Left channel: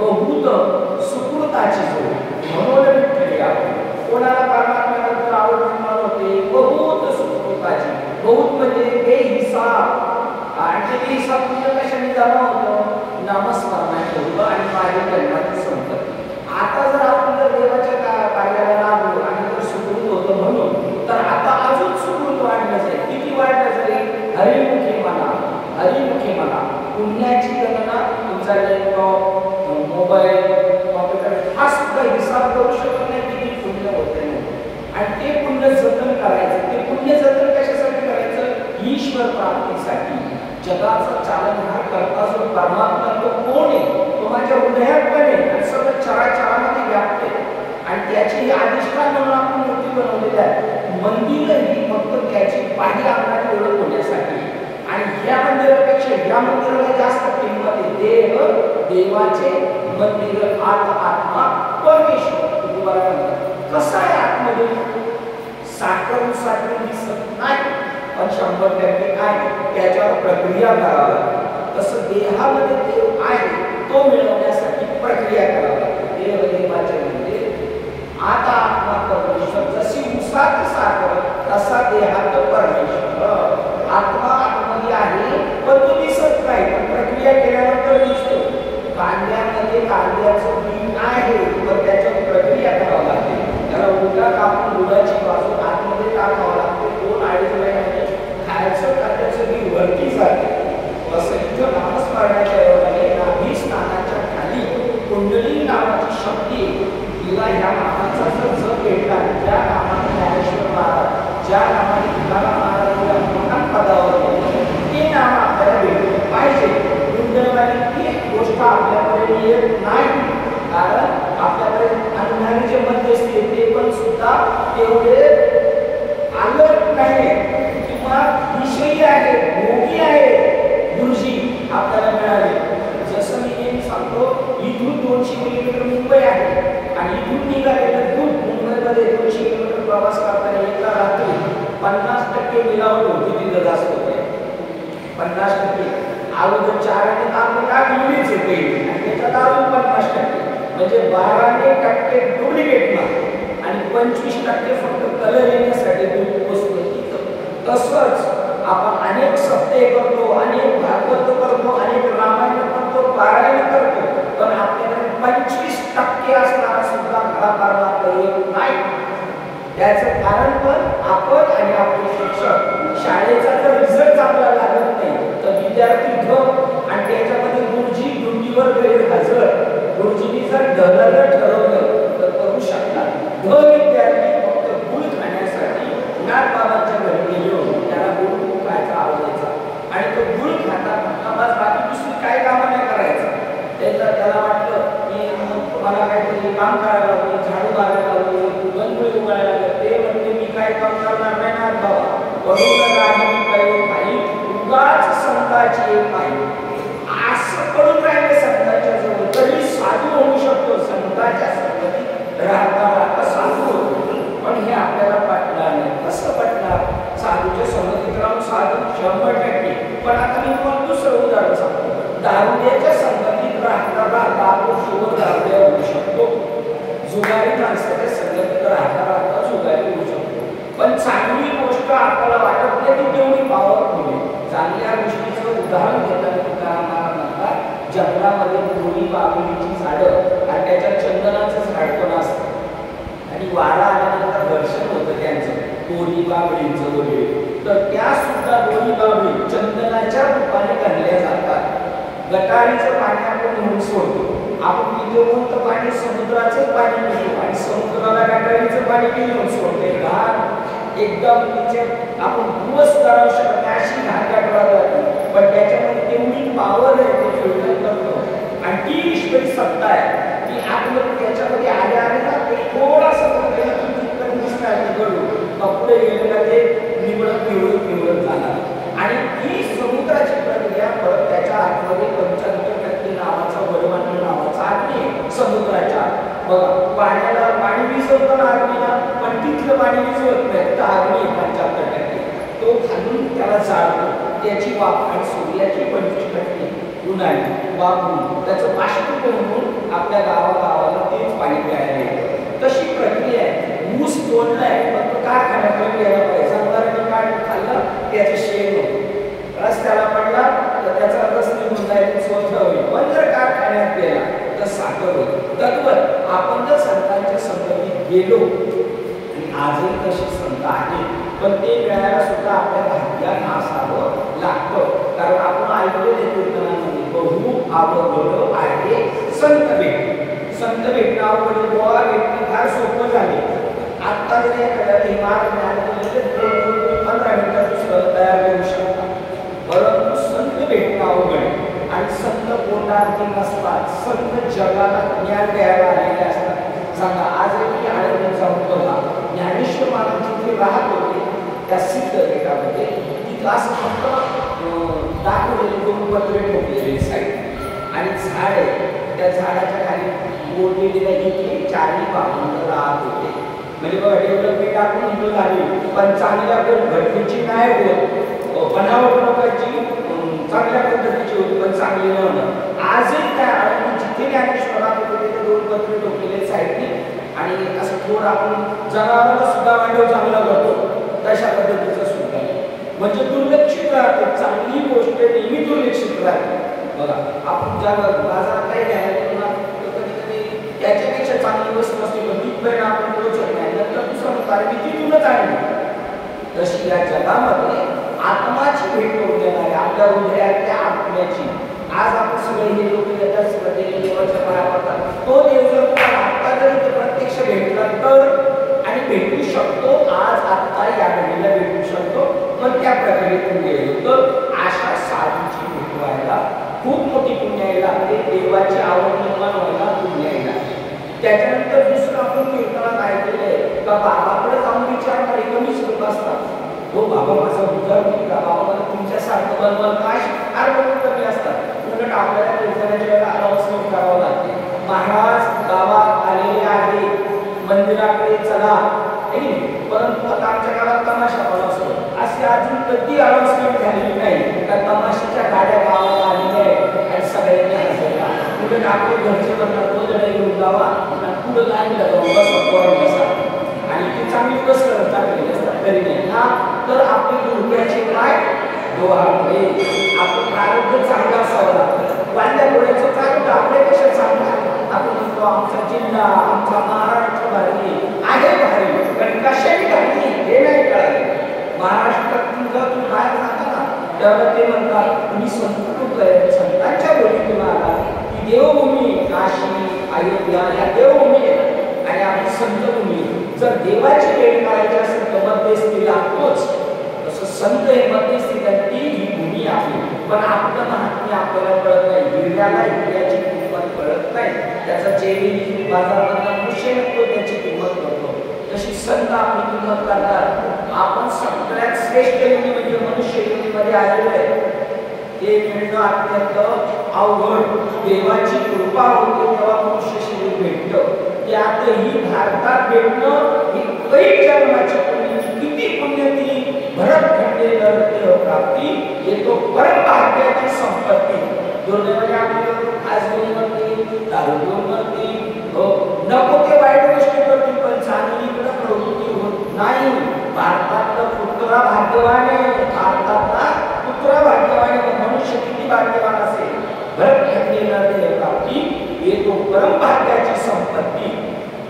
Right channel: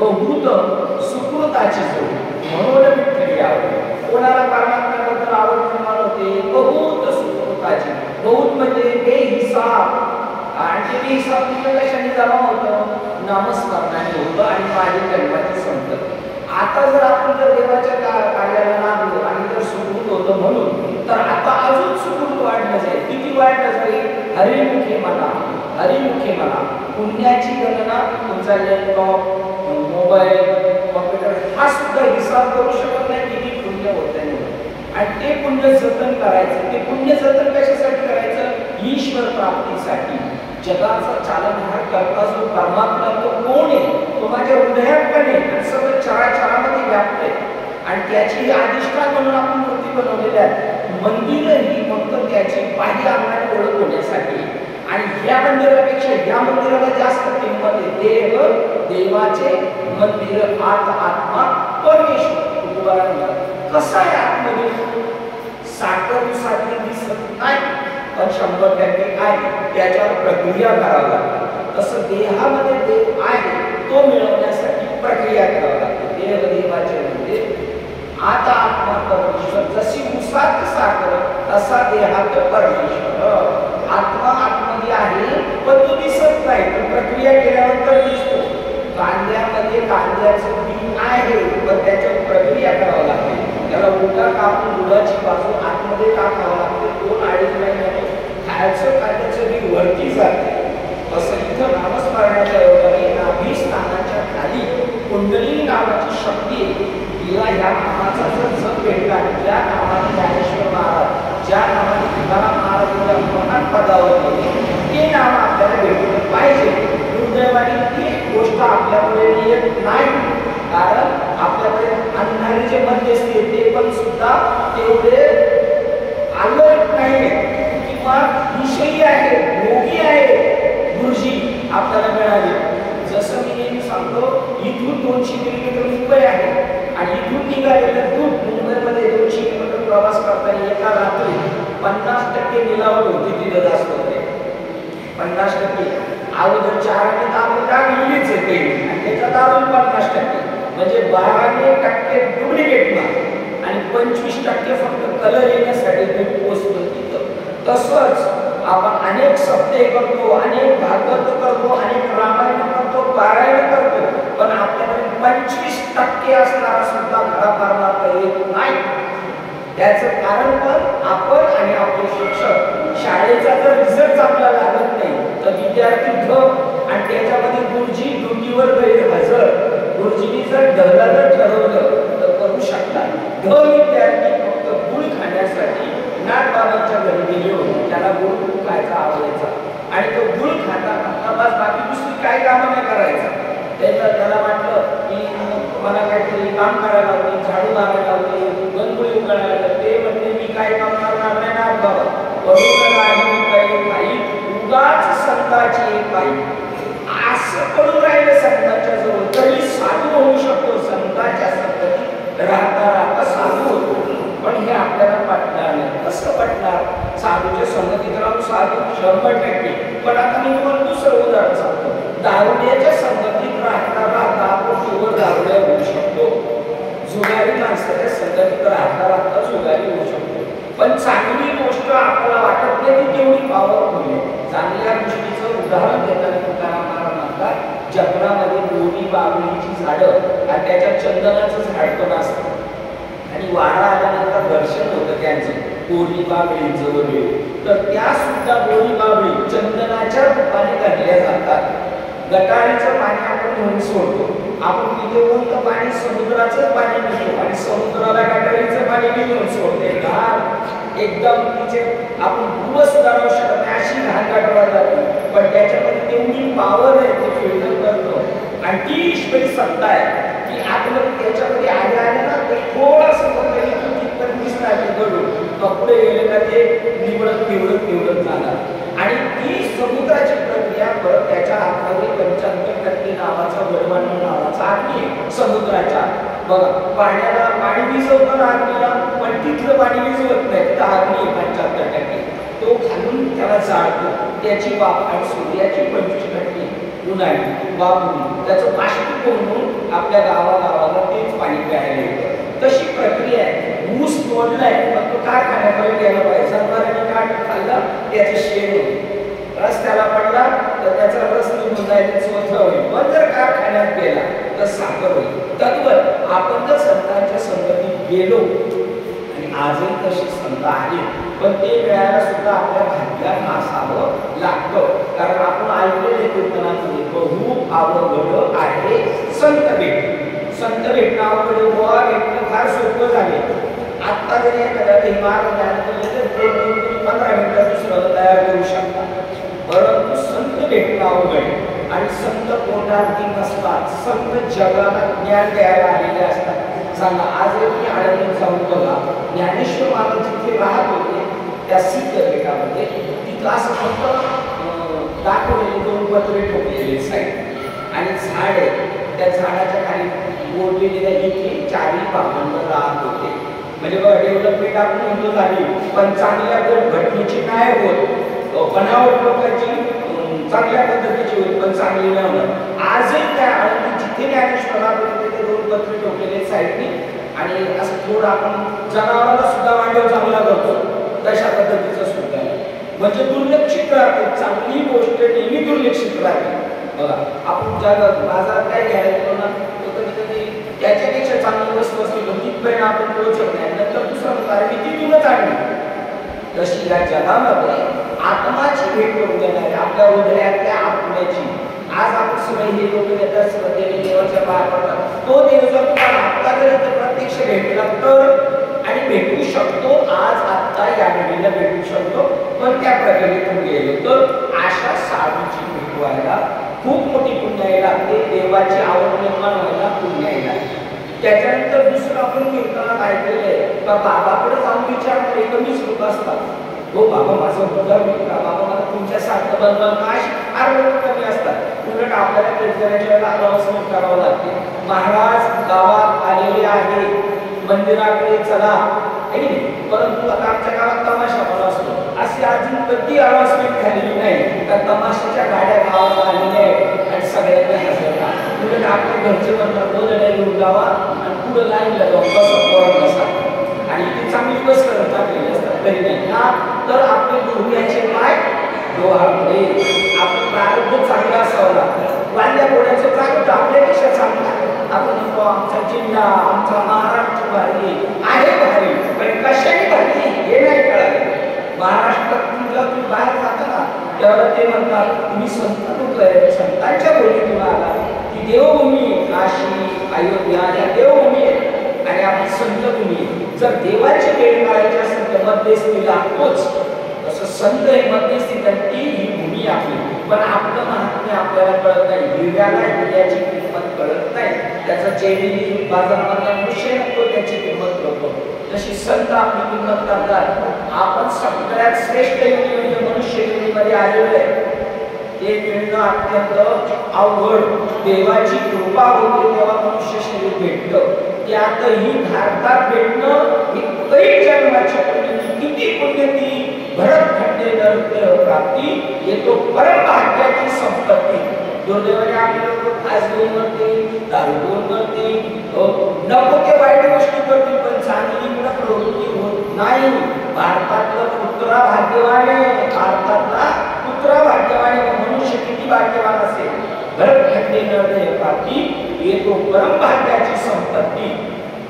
बहुत सुकृताची जोड म्हणून विठ्ठल यावे. कोणाला परमात्म्याबद्दल आवड निर्माण होते? बहुत सुकृताची. बहुत म्हणजे बेहिसाब. आणि ते बेहिसाब म्हणजे कशाने जमा होतं? नामस्मरणाने होतं आणि माझी जन्माची संपत्ती. आता जर आपण जर देवाच्या कार्याला लागलो आणि जर सुकृत होतं म्हणून, तर आता अजून सुकृत वाढलं जाईल. किती वाढलं जाईल? हरिमुखी म्हणा, हरिमुखी म्हणा. पुण्याची गणना तुमचा लॅपटॉप, मोबाईल, कॉम्प्युटर हा सुद्धा हिसाब करू शकत नाही किती पुण्य होतं नाही. आणि ते पुण्य जतन करायचं. ते पुण्य जतन कशासाठी करायचं? ईश्वर प्राप्तीसाठी. जगाचं चालनहार करता जो परमात्मा तो कोण आहे? तो माझ्या हृदयात पण आहे आणि सगळं चराचरामध्ये व्याप्त आहे. आणि त्याची अधिष्ठान म्हणून आपण मूर्ती बनवलेल्या आहेत. मंदिर ही फक्त त्याची बाह्य अंगाने ओळख होण्यासाठी. आणि या मंदिरापेक्षा या मंदिराला जास्त किंमत आहे. देव, देवाचे मंदिर, आत्मा, परमेश्वर. कसं आहे आतमध्ये? साखर दिसत नाही, पण 100% काय? त्याच्यावर प्रक्रिया करावी लागते. तसं देहामध्ये देव आहे तो मिळवण्यासाठी प्रक्रिया करावी लागते. देव देवाचे मंदिर, आता आत्मा परमेश्वर. जशी उसात साखर तसा देहात परमेश्वर. आत्मा आतमध्ये आहे पण तो दिसत नाही, पण प्रक्रिया केल्यानंतर दिसतो. कांद्यामध्ये कांद्याचं बी आहे पण त्याच्यावर प्रक्रिया करावी लागते. त्याला उलटा कापून गुळाची बाजू आतमध्ये टाकावं लागते. 2-2.5 महिन्याने खायचं कांद्याचं बी वरती जाते. तसं इथं नामस्मरणाच्या योगाने नाभी स्थानाच्या खाली कुंडली नावाची शक्ती, तिला ह्या नामाचा जर जप भेटला, ज्या नामाने ज्ञानेश्वर महाराज, ज्या नामाने तुकाराम महाराजांच्या मनात पदावर ते नाम आपल्याला भेटले पाहिजे. दुर्दैवाने ती गोष्ट आपल्याकडे येत नाही. कारण आपल्याकडे अंधारी जे मध्यस्थी ते पण सुद्धा तेवढे अलर्ट नाही किंवा विषयी आहे, भोगी आहे गुरुजी आपल्याला मिळाले. जसं मी नेहमी सांगतो, इथून 200 किलोमीटर मुंबई आहे आणि इथून निघालेलं दूध मुंबईमध्ये 200 किलोमीटर प्रवास करताना एका रात्री 50% मिलावट होती. तिथं जास्त होते 50%. अगोदर 4 आपण टाकलीच येते आणि त्याच्यात अजून 50%, म्हणजे 12% डुप्लिकेट माल आणि 25% फक्त कलर येण्यासाठी दूध पोचतं तिथं. तसंच आपण अनेक सप्ते करतो, अनेक भागवत करतो, अनेक रामायण करतो, पारायण करतो, पण आपल्याकडे 25% असणारा सुद्धा खरा परमात्मा येत नाही. त्याचं कारण पण आपण आणि आपले शिक्षक. शाळेचा जर रिझल्ट आपल्याला लागत नाही तर विद्यार्थी ढ आणि त्याच्यामध्ये गुरुजी ड्युटीवर गैरहजर. गुरुजींनी जर ढ ठरवलं तर करू शकतात. ढ विद्यार्थी फक्त गुळ खाण्यासाठी नाथबाबांच्या घरी गेले होते. त्याला गुळ खायचा आवडायचा आणि तो गुळ खाता खाता बस बाकी दुसरी काय कामं नाही करायचं. त्याला वाटलं की मला काहीतरी काम करायला होते, झाडू मारायला होते, गणगुळी उगाळायला होते. ते म्हणते मी काही काम करणार नाही नाथबाबा. वरून राहिली पायी उगाच संताची पायी. असं पडून राहिलं संतांच्या जवळ. तरी साधू होऊ शकतो, संतांच्या संगतीत राहता राहता साधू होतो. पण हे आपल्याला पटणार नाही. कसं पटणार? साधूच्या संगतीत राहून साधू 100%. पण आता मी तुम्हाला दुसरं उदाहरण सांगतो. दारुड्याच्या संगतीत राहता राहता आपण केवळ दारुड्या होऊ शकतो. जुगारी माणसाच्या संगतीत राहता राहता जुगारी होऊ शकतो. पण चांगली गोष्ट आपल्याला वाटत नाही ती तेवढी पॉवरफुल आहे. चांगल्या गोष्टीचं उदाहरण देताना तुकाराम महाराज म्हणतात, जंगलामध्ये बोरी बाबळीची झाडं आणि त्याच्यात चंदनाचं झाड पण असतं आणि वारा आल्यानंतर दर्शन होतं त्यांचं बोरी बाबळींचं वगैरे. तर त्या सुद्धा बोरी बाबळी चंदनाच्या रूपाने घातल्या जातात. गटारीचं पाणी आपण घेऊन सोडतो. आपण तिथे कोणतं पाणी? समुद्राचंच पाणी पितो आणि समुद्राला गटारीचं पाणी बी घेऊन सोडते. घाण एकदम तिचे आपण दिवस धरावू शकत नाही अशी घाण गटारा जाते. पण त्याच्यामध्ये तेवढी पावर आहे, ते फिल्टर करतं आणि ती ईश्वरी सत्ता आहे की आपलं त्याच्यामध्ये आले ना ते थोडासा तिथपर्यंत दिसणार ते गडू पुढे गेले का ते निवडत जाणार. आणि ती समुद्राची प्रक्रिया परत त्याच्या आतमध्ये 95% नावाचा वडवाणी नावाचा अग्नी आहे समुद्राच्या. बघा पाण्याला पाणी विझवतं ना अग्नीला, पण तिथलं पाणी विझवत नाही. तिथं अग्नी 75%. तो खालून त्याला जाळतो. त्याची वाफ आणि सूर्याची 25% उन्हाळी वाफ होऊन त्याचं बाष्पीभवन होऊन आपल्या गावाला तेच पाणी प्यायला येतं. गेला पाहिजे. जनावरांनी काढून खाल्लं त्याचं शेण होतं, रस्त्याला पडला तर त्याचा रस निघून जायला स्वतः होईल. पण जर कारखान्यात गेला तर साखर होईल. तद्वत आपण जर संतांच्या संगतीत गेलो, आणि आजही तशी संत आहे, पण ते मिळायला सुद्धा आपल्या भाग्यात असावं लागतं. कारण आपण ऐकलेले कीर्तनामध्ये बहु अवघड आहे संत भेट. संत भेटणं अवघड, गोवा भेटणं फार सोपं झाले. आत्ता जरी एखाद्या इमारत ज्ञान 15 मिनिटात दुसरं तयार करू शकता, परंतु संत भेटणं अवघड. आणि संत पोटार्थी नसतात, संत जगाला ज्ञान द्यायला आलेले असतात. सांगा आज मी आळंदीत जाऊन बघा, ज्ञानेश्वर महाराज जिथे राहत होते त्या सिद्धपीठामध्ये तिथं असं फक्त दाखवलेले 2 पत्रे ठेवलेले साईड आणि झाड आहे. त्या झाडाच्या खाली बोललेले इथे 4 बाबंद राहत होते. म्हणजे बघा डेव्हलपमेंट आपण म्हणतो झाली, पण चांगल्या घटनेची काय होत, बनावट लोकांची चांगल्या पद्धतीची होती, पण चांगली नाही होणार. आजही त्या आळंदी जिथे ज्ञानेश्वरात होते ते 2 पत्रे ठोकलेले साईडनी, आणि असं थोडं आपण जनावरांना सुद्धा मांडव चांगला करतो तशा पद्धतीचं सुद्धा आहे. म्हणजे दुर्लक्षित राहते, चांगली गोष्ट नेहमी दुर्लक्षित राहते. बघा आपण जगात बाजारात काय घ्यायला गेलो ना, कधी कधी त्याच्यापेक्षा चांगली वस्तू असते पण तिथपर्यंत आपण पोहोचत नाही. नंतर दुसरं होतं अरे मी तिथूनच आणली. तशी या जगामध्ये आत्माची भेट करून देणारी, आपल्या हृदयातल्या आत्म्याची. आज आपण सगळे हे लोक येतात, श्रद्धेने देवाच्या पाया पडतात. तो देव जर तुम्हाला आत्ता जरी ते प्रत्यक्ष भेटला तर, आणि भेटू शकतो, आज आत्ता या घडीला भेटू शकतो, पण त्या प्रक्रियेतून गेलो तर अशा साधूची भेट व्हायला खूप मोठी पुण्याई लागते. देवाची आवड निर्माण व्हायला पुण्याई लागते. त्याच्यानंतर दुसरं आपण कीर्तनात ऐकलेले का बाबाकडे जाऊन विचारणारे कमीच लोक असतात. हो बाबा माझं उद्धार होईल का, बाबा मला तुमच्यासारखं बनवाल का, अशी फार लोक कमी असतात. उलट आपल्याला कीर्तनाच्या वेळेला अनाउन्समेंट करावं लागते, महाराज गावात आलेले आहे, मंदिराकडे चला, आहे की नाही. परंतु आता आमच्या गावात तमाशा पण असतो, अशी अजून कधी अनाउन्समेंट झालेली नाही का तमाशाच्या गाड्या गावात आलेल्या आहेत आणि सगळ्यांनी हजर राहा. उलट आपल्या घरचे म्हणणार 2 जण घेऊन जावा आणि पुढं लाईनला जाऊन बसा, पोरांना बसा, आणि ती चांगली बस करत टाकलेली असतात तरी नाही ना. तर आपले गुडघ्याचे पाय डोहाळे, आपण प्रारब्ध चांगला असावं लागतं. वाल्या घोड्याचं प्रारब्ध आपल्यापेक्षा चांगला. आपण म्हणतो आमचा जिल्हा, आमचा महाराष्ट्र भारी आहे, भारी, पण कशाने भारी हे नाही कळालं. महाराष्ट्रात तुमचा तुम्ही बाहेर जाता ना, त्यावेळेला ते म्हणतात तुम्ही संत लोक आहे, संतांच्या भूमीतून आला. ती देवभूमी काशी अयोध्या या देवभूमी आहे आणि आपली संतभूमी आहे. जर देवाची भेट करायची असेल तर मध्यस्थी लागतोच. तसं संत हे मध्यस्थी, ती ही भूमी आपली. पण आपलं महात्म्य आपल्याला कळत नाही, हिरव्याला हिरव्याची किंमत कळत नाही, त्याचा जेडी बाजारामधला मुश्य नसतो त्याची किंमत कळतो. तशी संत आपली किंमत करतात. आपण सगळ्यात श्रेष्ठ योनी म्हणजे मनुष्य योनीमध्ये आलेलो आहे. ते मिळणं अत्यंत अवघड. देवाची कृपा होते तेव्हा मनुष्य शरीर भेटतं. त्यातही भारतात भेटणं ही कैक जन्माची पुण्यती, किती पुण्यती. भरत खंडे नरदेह प्राप्ती येतो परमभाग्याची संपत्ती. दुर्दैवाने आपले लोक फास घेऊन करतील, दारू घेऊन करतील, नको ते वाईट गोष्टी करतील, पण चांगलीकडे प्रवृत्ती होत नाही. भारतातलं पुत्रा भाग्यवान आहे, भारतातला पुत्रा भाग्यवान आहे. मनुष्य किती भाग्यवान असेल. भरत खंडे नरदेह प्राप्ती येतो परमभाग्याची संपत्ती.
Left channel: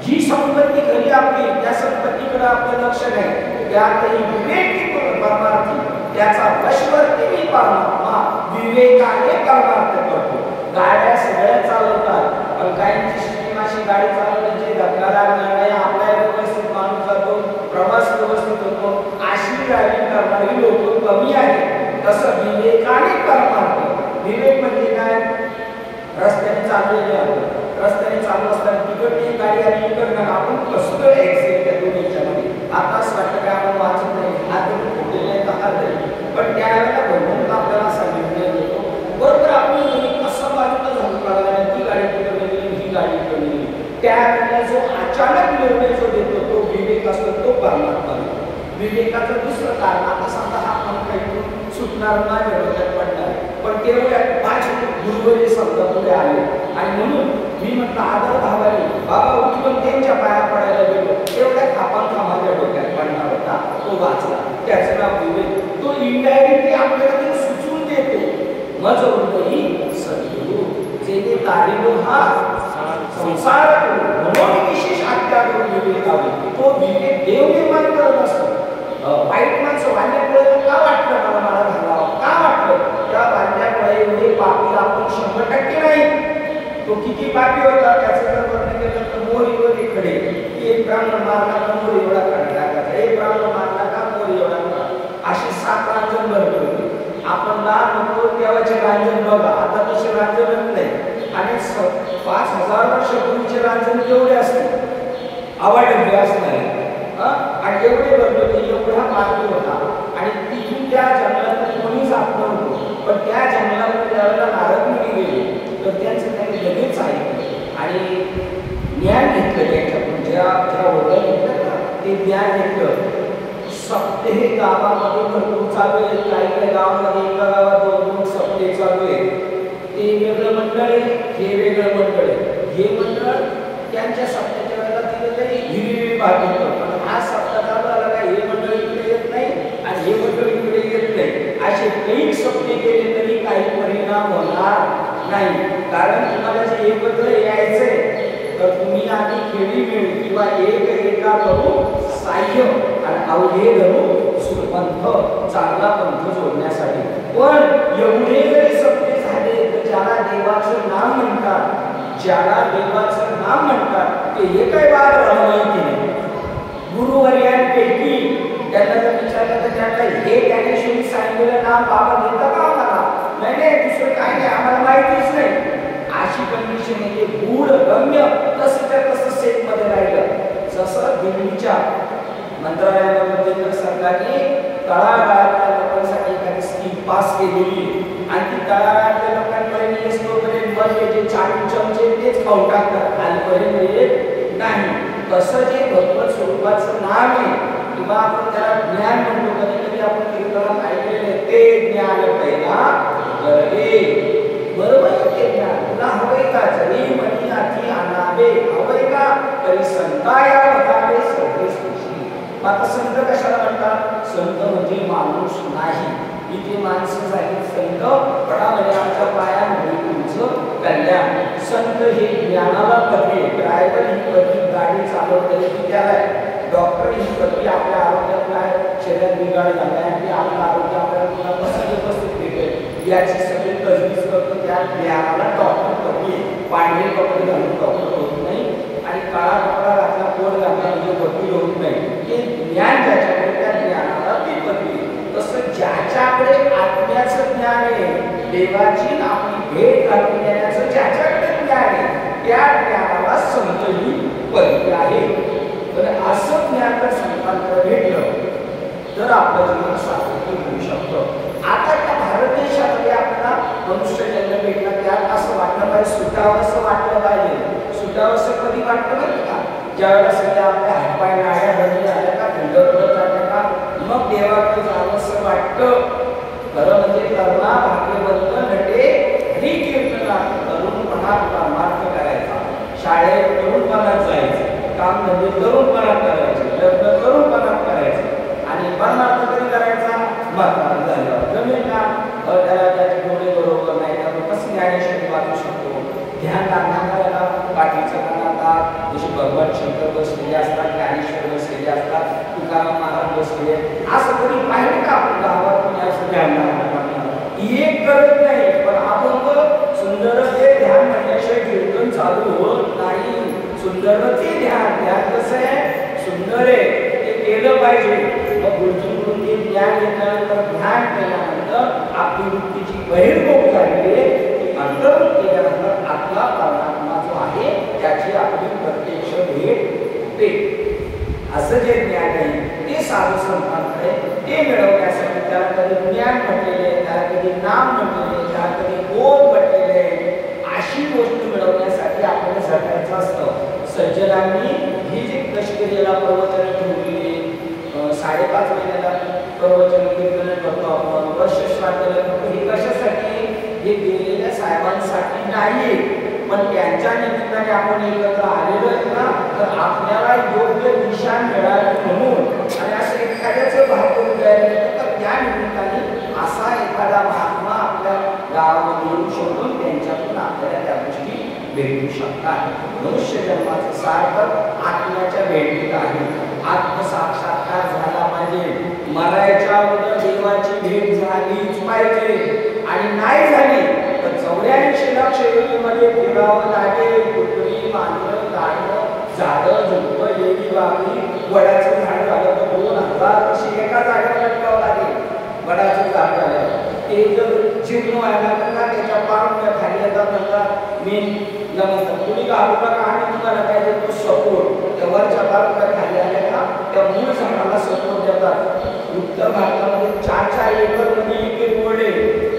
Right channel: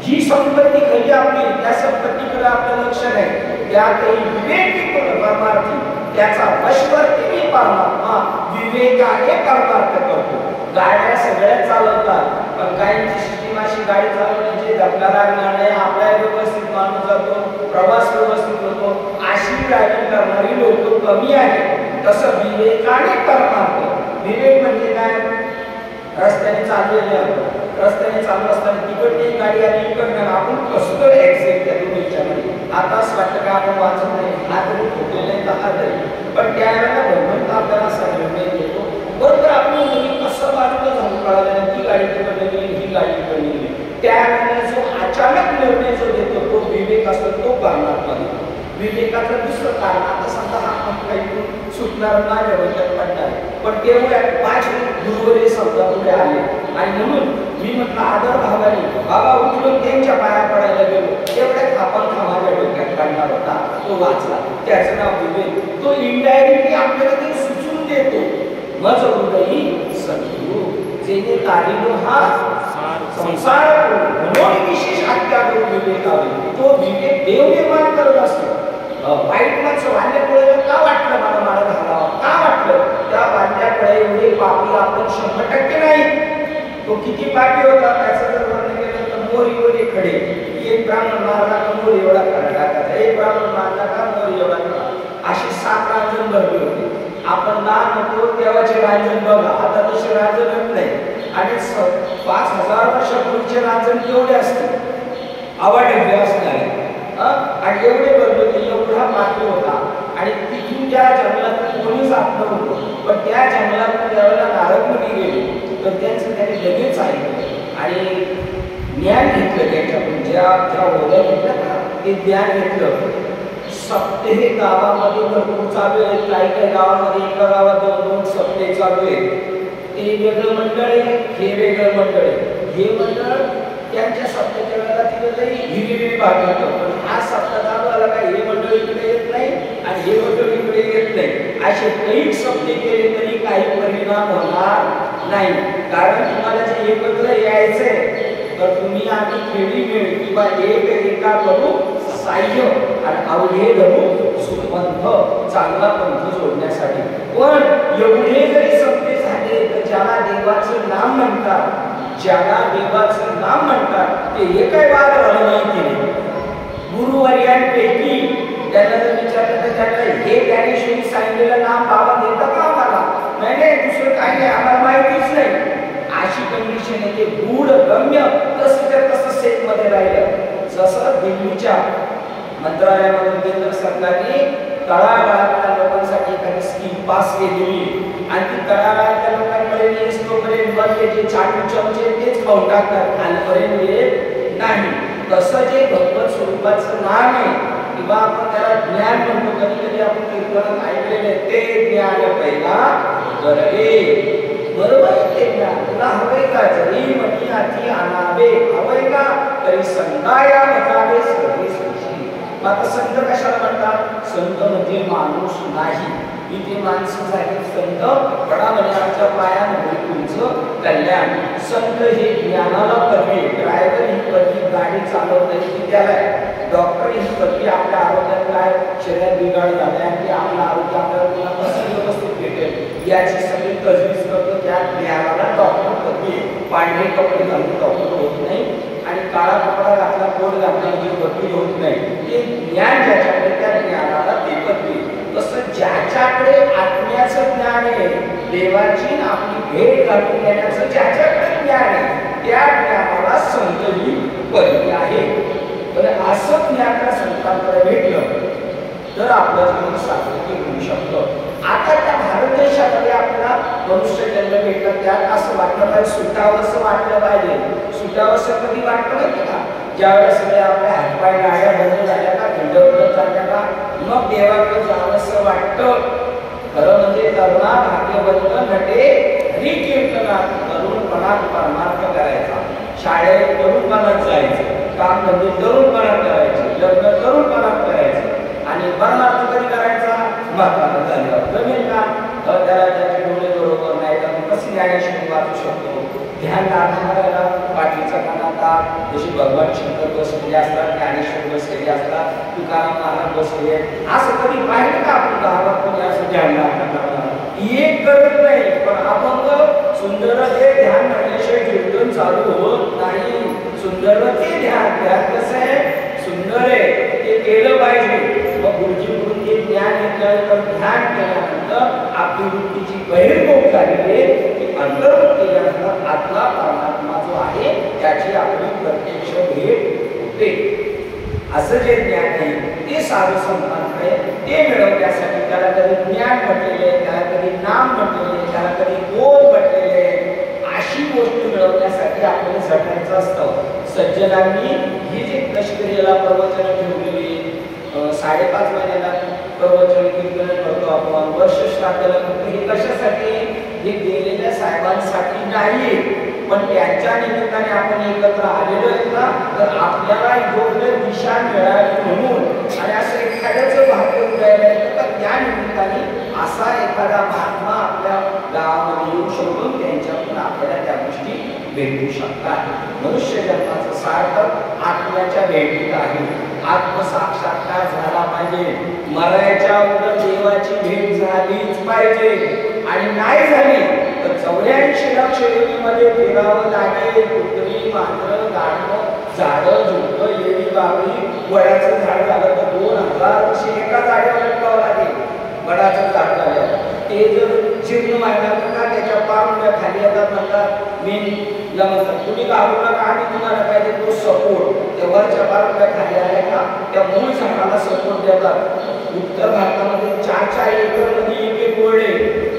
जी संपत्ती खरी आपली, त्या संपत्तीकडे आपलं लक्ष नाही. त्यातही विवेकी परमार्थी, त्याचा वशवर्ती मी परमात्मा विवेकाने परमार्थ करतो. गाड्या सगळ्या चालवतात, पण काहींची सिस्टीम अशी गाडी चालवण्याची धक्का लागणार नाही, आपला व्यवस्थित माणूस जातो, प्रवास व्यवस्थित होतो, अशी ड्रायव्हिंग करणारी लोक कमी आहेत. तसं विवेकाने परमार्थ. विवेक म्हणजे काय, रस्त्याने चाललेले आपण, रस्त्याने चालू असताना तिकडची गाडी आणि इकडनं आपण कसं एक्झॅक्ट त्या दोन्हीच्या मध्ये. आता असं वाटतं का आपण वाचत नाही, हातरी फुटलेले दहा तरी, पण त्यावेळेला भगवंत आपल्याला असा निर्णय देतो. बरोबर आपण कसं बाजूला झालं कळालं, ती गाडी तिकडनं गेली, ही गाडी इकडनं गेली. त्यावेळेला जो अचानक निर्णय जो देतो तो विवेक असतो, तो परमात्मा देतो. विवेकाचं दुसरं कारण आता समजा हा पण काही सुटणार माझ्या डोक्यात पडणार, पण तेवढ्या माझे गुरुवरे समजा पुढे आले आणि म्हणून मी म्हटलं आदर भावाने बाबा उठून त्यांच्या पाया पडायला गेलो. तेवढ्या थापांखा माझ्या डोक्यात पडणार होता, तो त्याचं नाव विवेक. तो इनडायरेक्टली आपल्याला ते सुचवून देतो. मज हृदयी सद्गुरु जेणे तारिलो हा संसार म्हणून विशेष आज्ञा करून विवेक लावले. तो विवेक देव निर्माण करत असतो. वाईट माणसं वाढल्यामुळे का वाटलं मला माळा घालावा, का वाटलं त्या वाढल्यामुळे एवढे पापी आपण 100% नाही. तो किती पापी होता त्याचं जर वर्णन केलं तर मोरीवर एक खडे, एक ब्राह्मण मारला का मोर एवढा खडा टाकायचा, एक ब्राह्मण मारला का मोर एवढा खडा, अशी 7 रांजण भरली होती. आपण लहान होतो तेव्हाचे रांजण बघा, आता तसे रांजणच नाही. आणि 5000 वर्षापूर्वीचे रांजण केवढे असते, आवाडे असणारे. आणि एवढे भरले होते, एवढा पापी होता. आणि तिथून त्या जंगलातून कोणी जात नव्हतं, पण त्या जंगलातून ज्यावेळेला नारद मुनी गेले तर त्यांचं त्याने लगेच ऐकलं आणि ज्ञान घेतलं. त्यांच्याकडून ज्या ओळ्या घेतल्या ना ते ज्ञान घेतलं. सप्ते गावामध्ये भरपूर चालू आहेत. काही काही गावामध्ये एका गावात 2-2 सप्ते चालू आहेत. ते वेगळं मंडळ आहे, हे वेगळं मंडळ आहे. हे मंडळ त्यांच्या सप्त्याच्या वेळेला तिथे हिरवी भाग घेतो, पण हा सप्ताह चालू आला काय हे मंडळ इकडे येत नाही आणि हे मंडळ इकडे येत नाही. असे काही सप्ते केले तरी काही परिणाम होणार नाही. कारण तुम्हाला जे एकत्र यायचंय तर तुम्ही आम्ही खेळी मिळ किंवा एका करू साह्य आणि अवघे धरू सुपंथ, चांगला पंथ जोडण्यासाठी. पण एवढे जरी सप्ते झाले तर ज्याला देवाचं नाम म्हणतात, ज्याला देवाचं नाम म्हणतात ते हे काय वाद राहिलं माहिती नाही. गुरुवर्यांपैकी त्यांना जर विचारलं तर त्यांना हे ज्ञानेश्वरी सांगितलेलं नाम बाबा देतं का आम्हाला, नाही नाही दुसरं काही नाही आम्हाला माहितीच नाही. अशी कंडिशन येते. गूढ गम्य तसं तसं सेट मध्ये राहिलं. जसं दिल्लीच्या मंत्रालयामधून केंद्र सरकारने तळागाळातल्या लोकांसाठी एखादी स्कीम पास केलेली आणि ती तळागाळातल्या लोकांपर्यंत येतोपर्यंत मग जे चाटू चमचे तेच खाऊन टाकतात, खालपर्यंत येत नाही. तसं जे भगवत स्वरूपाचं नाम आहे किंवा आपण त्याला ज्ञान म्हणतो, कधी कधी आपण कीर्तनात ऐकलेले ते ज्ञान पहिला गरजे. बरोबर आहे ते ज्ञान तुला हवंय का, जरी मनी अति अनावे हवंय का तरी संताया बतावे सर्वे सृष्टी. आता संत कशाला म्हणतात, संत म्हणजे माणूस नाही, इथे माणसं झाली संत. पडा म्हणजे आमच्या पायामध्ये तुमचं कल्याण. संत हे ज्ञानाला पदवी, ड्रायव्हर ही पदवी गाडी चालवता येते त्याला, डॉक्टर ही पदवी आपल्या आरोग्यात काय शरीरात बिघाड झालाय आणि ते आपलं आरोग्य आपल्याला कसं व्यवस्थित भेटेल याची सगळी तजवीज करतो. त्या ज्ञानाला डॉक्टर पदवी. पांढरे कपडे घालून डॉक्टर होत नाही आणि काळा कपडा घातला कोट घातला म्हणजे पदवी होत नाही. ते ज्ञान ज्याच्याकडे त्या ज्ञानाला ती पदवी. तसं ज्याच्याकडे आत्म्याचं ज्ञान आहे, देवाची आपली भेट घालून घेण्याचं ज्याच्याकडे ज्ञान आहे त्या ज्ञानाला संत ही पदवी आहे. पण असं ज्ञान जर संतांकडे भेटलं तर आपलं जीवन सार्थकी होऊ शकतं. आता त्या भारत देशामध्ये आपल्याला मनुष्य जन्म भेटला त्यात असं वाटलं पाहिजे, सुटावं असं वाटलं पाहिजे. सुटावं असं कधी वाटलं माहिती का, ज्यावेळेला सगळे आपल्या हातपाय लाड्या बंद झाल्या का, खंड पडत जात्या का, मग देवाकडे जावं असं वाटतं. खरं म्हणजे तरुणा भाग्यवंत नटे हरी कीर्तना, तरुणपणात परमार्थ करायचा, शाळेत तरुणपणात जायचं, काम धंदे तरुणपणात करायचे, लग्न तरुणपणात करायचं आणि परमार्थ कधी करायचा, म्हातारा झाल्यावर. जमेल का त्याला त्याचे डोळे बरोबर नाही तर मग कशी ज्ञानेश्वरी वाचू शकतो. ध्यान लागणाऱ्याला पाठीचं कानात जशी भगवान शंकर बसलेले असतात, ज्ञानेश्वर बसलेले असतात, तुकाराम महाराज बसलेले, असं कधी पाहिलं का आपण गावात कोणी असं ध्यान लागणार एक करत नाही. पण आपण सुंदर ते ध्यान म्हणल्याशिवाय कीर्तन चालू होत नाही. सुंदर ते ध्यान, ध्यान कसं आहे सुंदर आहे ते केलं पाहिजे. मग गुरुजीकडून ते ज्ञान घेतल्यानंतर ध्यान केल्यानंतर आपली वृत्तीची बहिर्मुख झाली आहे की अंतर्मुख केल्यानंतर आतला परमात्मा जो आहे त्याची आपली प्रत्यक्ष भेट होते. असं जे ज्ञान आहे ते साधू संतांकडे ते मिळवण्यासाठी त्याला कधी ज्ञान म्हटलेले, त्याला कधी नाम म्हटलेले, त्याला कधी बोध म्हटलेले. अशी गोष्ट मिळवण्यासाठी आपल्याला झटायचं असतं. सज्जनांनी ही जे कष्टक्रियेला प्रवचन ठेवलेली 5.5 महिन्याला प्रवचन कीर्तन करतो आपण, वर्ष श्राद्धाला करतो, हे कशासाठी, हे गेलेल्या साहेबांसाठी नाही, पण त्यांच्या निमित्ताने आपण एकत्र आलेलो आहेत ना, तर आपल्याला योग्य दिशा मिळावी म्हणून. आणि असं एखाद्याचं भाग्य उदयाला भेटू शकतात। मनुष्य जन्माचं सार्थक आत्म्याच्या भेटीत आहे। आत्मसाक्षात्कार झाला पाहिजे। मरायच्या अगोदर देवाची भेट झालीच पाहिजे आणि नाही झाली तर 84 लक्ष योनीमध्ये फिरावं लागेल। कुत्री, मांजर, गाढव, झाडं, झुडपं, येडी, बाबळी, वडाचं झाड झालं तर 2000 वर्ष एका जागेवर लटकावं लागेल। वडाचं झाड झालं ते जर जीर्ण व्हायला का त्याच्या पारुंब्या खाली येतात म्हणतात मेनला म्हणतात तुम्ही घाबरू नका आम्ही तुम्हाला काय देतो सपोर्ट। त्या वरच्या पारुंब्या खाली आल्या का त्या मूळ झाडाला सपोर्ट देतात। उत्तर भारतामध्ये 4-4 एकर मध्ये एक ओढे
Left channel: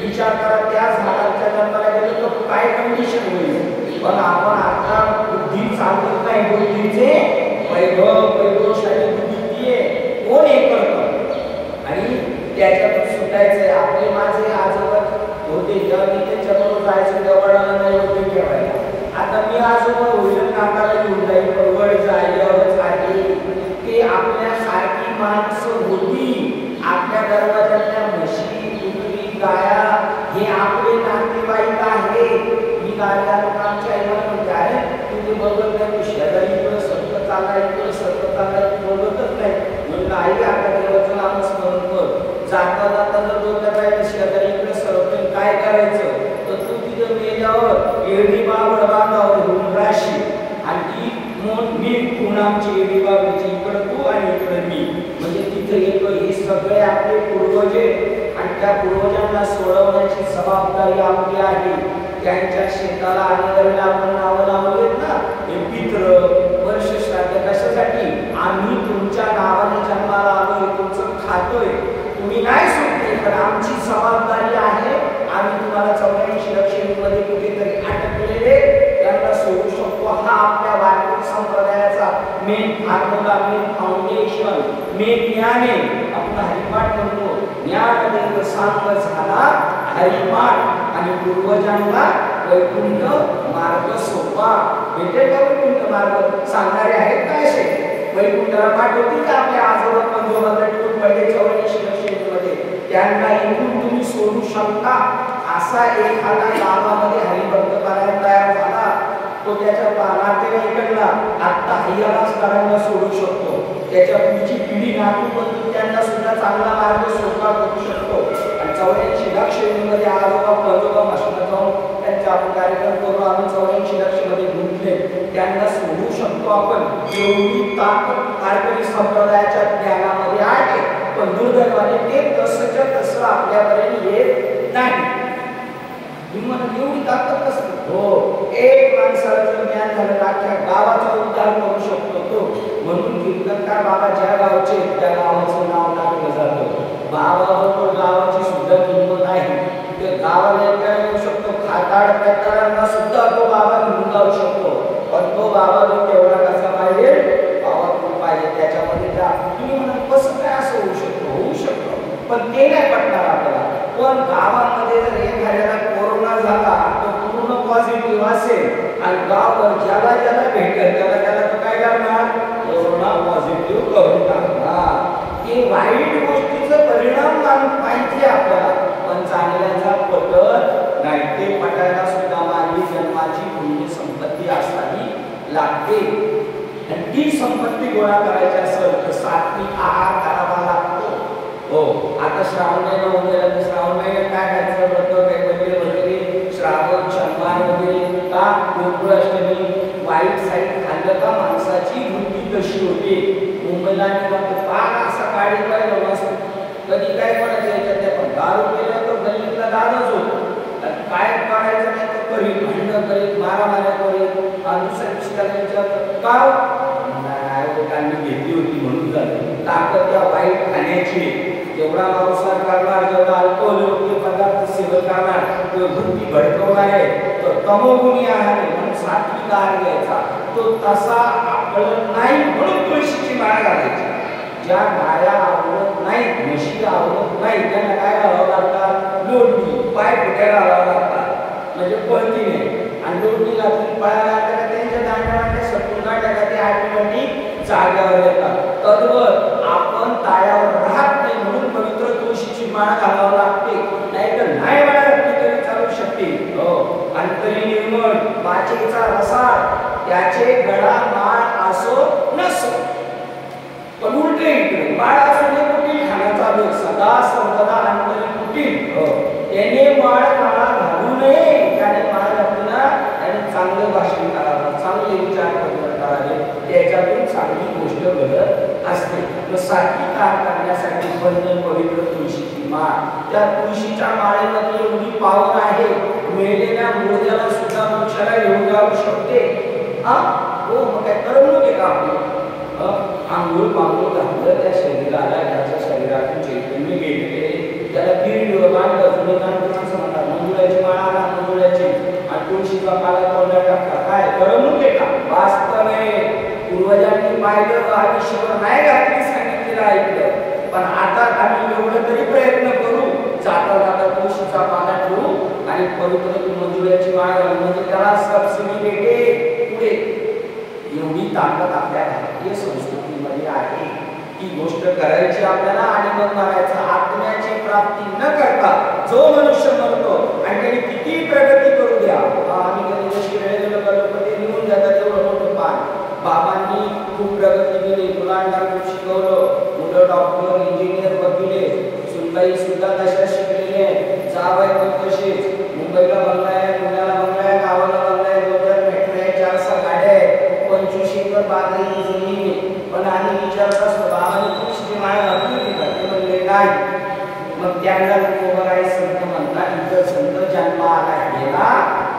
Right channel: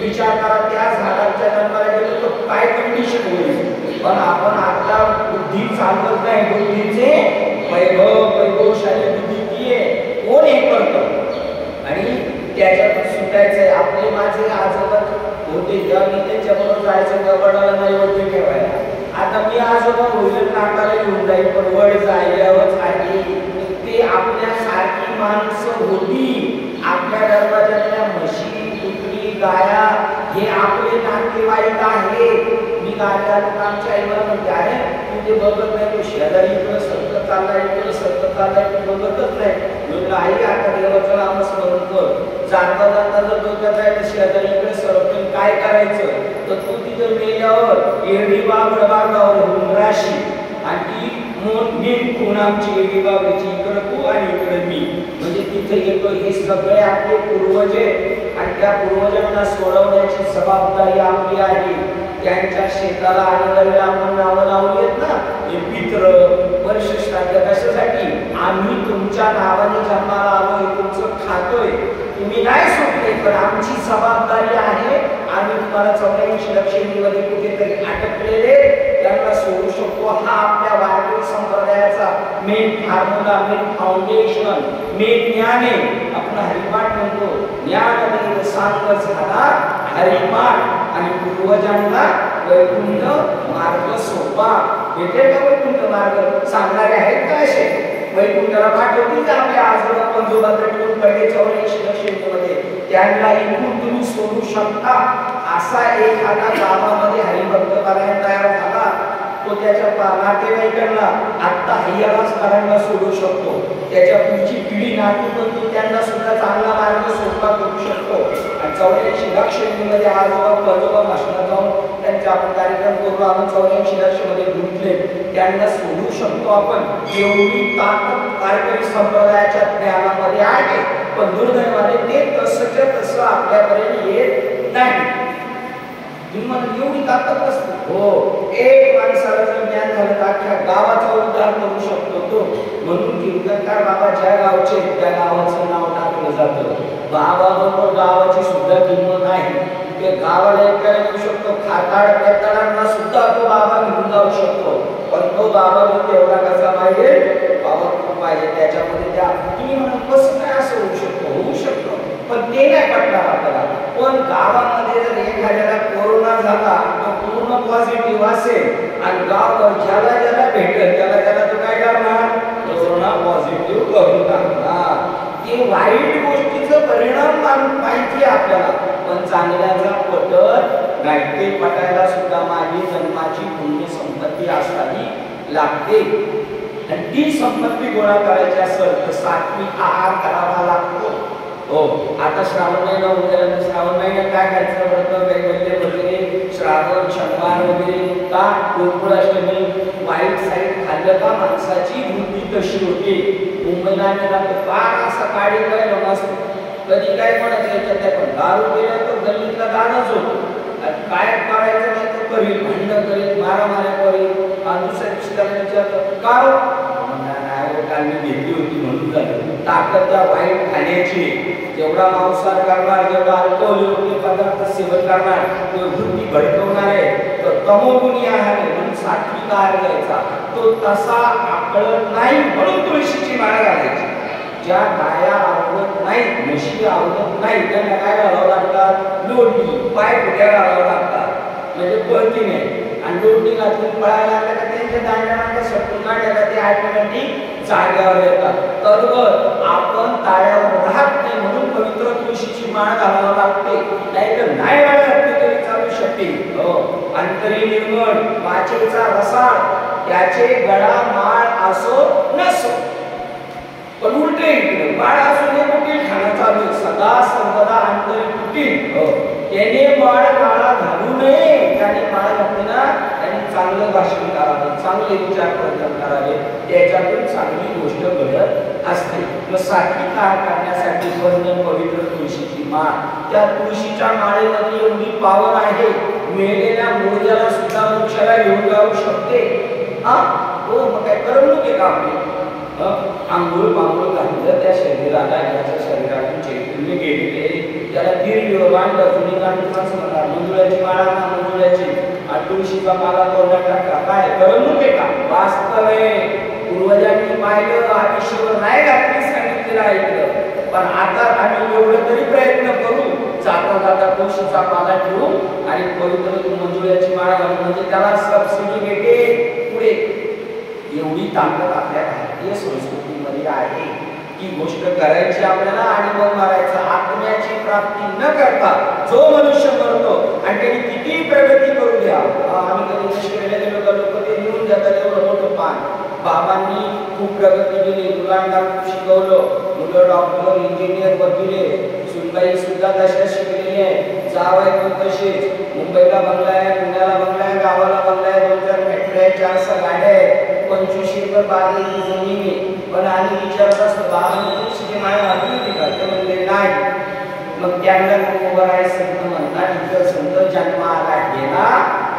विचार करा त्या झाडाच्या जन्माला गेलं तर काय कंडिशन होईल। पण आपण आता बुद्धी चालत नाही। बुद्धीचे वैभवशाली बुद्धी कोण हे करतं आणि त्याच्यातून सुटायचंय। आपले माझे आजोबा होते जेव्हा मी त्यांच्याबरोबर जायचं त्या वडाला नैवेद्य ठेवायला। आता मी आजोबा होईल नाकाला घेऊन जाईल पण वड जायलाच आहे। ते आपल्यासारखी माणसं होती। आपल्या दरवाजातल्या म्हशी, कुत्री, गाया हे आपले नातेवाईक आहे। मी गायला आमच्या आईला म्हणते अरे तू ते बघत नाही तू शेजारी इकडं सरकत चाललाय इकडं सरकत चाललाय तू बघतच नाही। म्हणलं आई आता देवाचं नाम स्मरण कर। जाता जाता जर डोक्यात आहे शेजारी इकडे सरकून काय करायचं तर तू तिथं मेल्यावर एडी बाबड बांधावर होऊन राशी आणि ती मेन खूण आमची एडी बाबडीची इकडं तू आणि इकडं मी म्हणजे तिथे येतो। हे सगळे आपले पूर्वज आणि त्या पूर्वजांना सोडवण्याची जबाबदारी आपली आहे। त्यांच्या शेताला आणि आपण नावं लावली आहेत ना हे पित्र वर्ष श्राद्ध कशासाठी आम्ही तुमच्या नावाने जन्माला आलोय तुमचं खातोय तुम्ही नाही सुटले पण आमची जबाबदारी आहे। आम्ही तुम्हाला 84 लक्ष मध्ये कुठेतरी अटकलेले त्यांना सोडू शकतो। हा आपल्या वारकरी संप्रदायाचा main formula main foundation main ज्ञान आहे। आपण हरिपाठ म्हणतो ज्ञानदेव सांग झाला हरिपाठ आणि पूर्वजांना वैकुंठ मार्ग सोपा भेटेल का? वैकुंठ मार्ग सांगणारे आहेत का असे? वैकुंठाला पाठवतील का आपल्या आजोबा पंजोबा लटकून पडले 84 लक्ष मध्ये त्यांना इकडून तुम्ही सोडू शकता? असा एखादा गावामध्ये हरिभक्त पारायण तयार झाला तो त्याच्या नातेवाईकांना आत्ता हरिहरासकारांना सोडू शकतो। त्याच्या पुढची पिढी नातू पण त्यांना सुद्धा चांगला मार्ग सोपा करू शकतो। आणि 84 लक्ष मध्ये आजोबा पंजोबा भाषणात जाऊन त्यांचा आपण कार्यक्रम करून आपण 84 लक्ष मध्ये गुंतले त्यांना सोडू शकतो आपण। एवढी ताकद वारकरी संप्रदायाच्या ज्ञानामध्ये आहे पण दुर्दैवाने ते तसंच्या तसं आपल्यापर्यंत येत नाही। तुम्हाला एवढी ताकद नसते हो एक माणसाला जर ज्ञान झालं तर अख्ख्या गावाचा उद्धार करू शकतो तो। म्हणून कीर्तनकार बाबा ज्या गावचे त्या गावाचं नाव टाकलं जातं। बाबाबरोबर गावाची सुद्धा किंमत आहे। त्या गावाला ऐकायला येऊ शकतो खाताड पेताडांना सुद्धा तो बाबा घेऊन जाऊ शकतो पण तो बाबा मी तेवढा कसा पाहिजे बाबा तू पाहिजे त्याच्यामध्ये त्या तुम्ही म्हणून कसं काय असं होऊ शकतो? होऊ शकतो पण ते नाही पटणार आपल्याला। पण गावामध्ये जर एखाद्याला कोरोना झाला तर पूर्ण पॉझिटिव्ह असेल आणि गाववर ज्याला ज्याला भेटेल त्याला तो काय करणार? कोरोना पॉझिटिव्ह करून टाकणार। ते वाईट गोष्टीचा परिणाम माहिती आपल्याला पण चांगल्याचा पटत नाही। ते पटायला सुद्धा माझी जन्माची पुण्य संपत्ती असावी लागते आणि ती संपत्ती गोळा करायची असेल तर सात्विक आहार करावा लागतो। हो आता श्रावण महिना वगैरे तर श्रावण महिन्यात काय खायचं व्रत कैवल्य वगैरे श्रावण शनिवार वगैरे का गोकुळाष्टमी वाईट साईड खाल्लं का माणसाची वृत्ती तशी होते। मुंबईला आलेला तो फार असा काळी पाहिजे असतो कधी काय म्हणत याच्यात पण दारू पिला तर गल्लीतला दारूच होतो आणि काय करायचं नाही तो करील भांडण करील मारामाऱ्या करील आणि दुसऱ्या दिवशी त्याला विचारतो का काल मी घेतली होती म्हणून झाली। ताकद त्या वाईट खाण्याची जेवढा मांसाहार करणार जेवढा अल्कोहोल पदार्थ सेवन करणार तो वृत्ती भडकवणार आहे तर तमोगुणी आहार आहे म्हणून सात्विक आहार घ्यायचा तो तसा आकळत नाही म्हणून तुळशीची माळ घालायची। ज्या गाया आवडत नाहीत म्हशी आवडत नाही त्यांना काय घालावं लागतात? लोटणी पाय फुट्या घालावं लागतात म्हणजे पळती नाही आणि लोटणी घातली पळायला लागल्या का त्यांच्या दांड्या मांड्या सटकून काढल्या का ते ऑटोमॅटिक जाग्यावर येतात। तद्वत आपण ताळ्यावर राहत नाही म्हणून पवित्र तुळशीची माळ घालावं लागते नाहीतर नाही वाढत तरी चालू शकते। हो अंतरी निर्मळ काचेचा रसाळ त्याचे गळा माळ असो नसो. पण उलटे इकडे माळ असुने कुटील खाना चालू सदा सर्वदा अंतरी कुटील. त्याने माळ काळा घालू नये. त्याने माळ घातली ना त्याने चांगलं भाषण करावं, चांगले विचार करावे, त्याच्यातून चांगली गोष्ट घडत असते. सात्विक आहार करण्यासाठी वंदन पवित्र तुळशीची माळ. त्या तुळशीच्या माळेमध्ये एवढी पावर आहे, मेलेल्या मुर्द्याला सुद्धा मोक्षाला घेऊन जाऊ शकते. हो मग काय करमणूक आहे का आपली? आंघोळ पांघोळ घातलं त्या शरीराला, ज्याच्या शरीरातून चैतन्य गेलेले त्याला गिरणीवर बांधलं. जुनी माणसं म्हणतात मंजुळ्याची माळा ना मंजुळ्याची आणि तुळशीचा माला तोंडात टाका. काय करमणूक आहे का? वास्तव आहे. पूर्वजांनी पाहिलं, आयुष्यभर नाही घातली सांगितलेलं ऐकलं. पण आता आम्ही एवढं तरी प्रयत्न करू, जाता जाता तुळशीचा माला ठेवू आणि पवित्र मंजुळ्याची माळा घालू, म्हणजे त्याला सबसिडी भेटे पुढे. एवढी ताकद आपल्या भारतीय संस्कृतीमध्ये आहे. ती गोष्ट करायची आपल्याला आणि मग मारायचं. आत्म्याची प्राप्ती न करता जो मनुष्य मरतो आणि त्यांनी किती प्रगती करू द्या, आम्ही कधी निष्क्रिय गेलो का लोक ते निघून जातात एवढं मोठं पान. बाबांनी खूप प्रगती केली, मुलांना खूप शिकवलं, मुलं डॉक्टर इंजिनियर वकील, सुनबाई सुद्धा तशा शिकलेली आहे, जावई पण तसेच. मुंबईला बंगला आहे, पुण्याला बंगला आहे, गावाला बंगला आहे, 2-4 फॅक्टरी आहे, 4-6 गाड्या आहेत, 25 एकर बागेची जमीन आहे. पण आम्ही विचारत असतो बाबांनी तुळशीची माळ घातली होती का? ते म्हणले नाही. मग त्यांना उभं आहे संत म्हणतात, इतर संत जन्माला गेला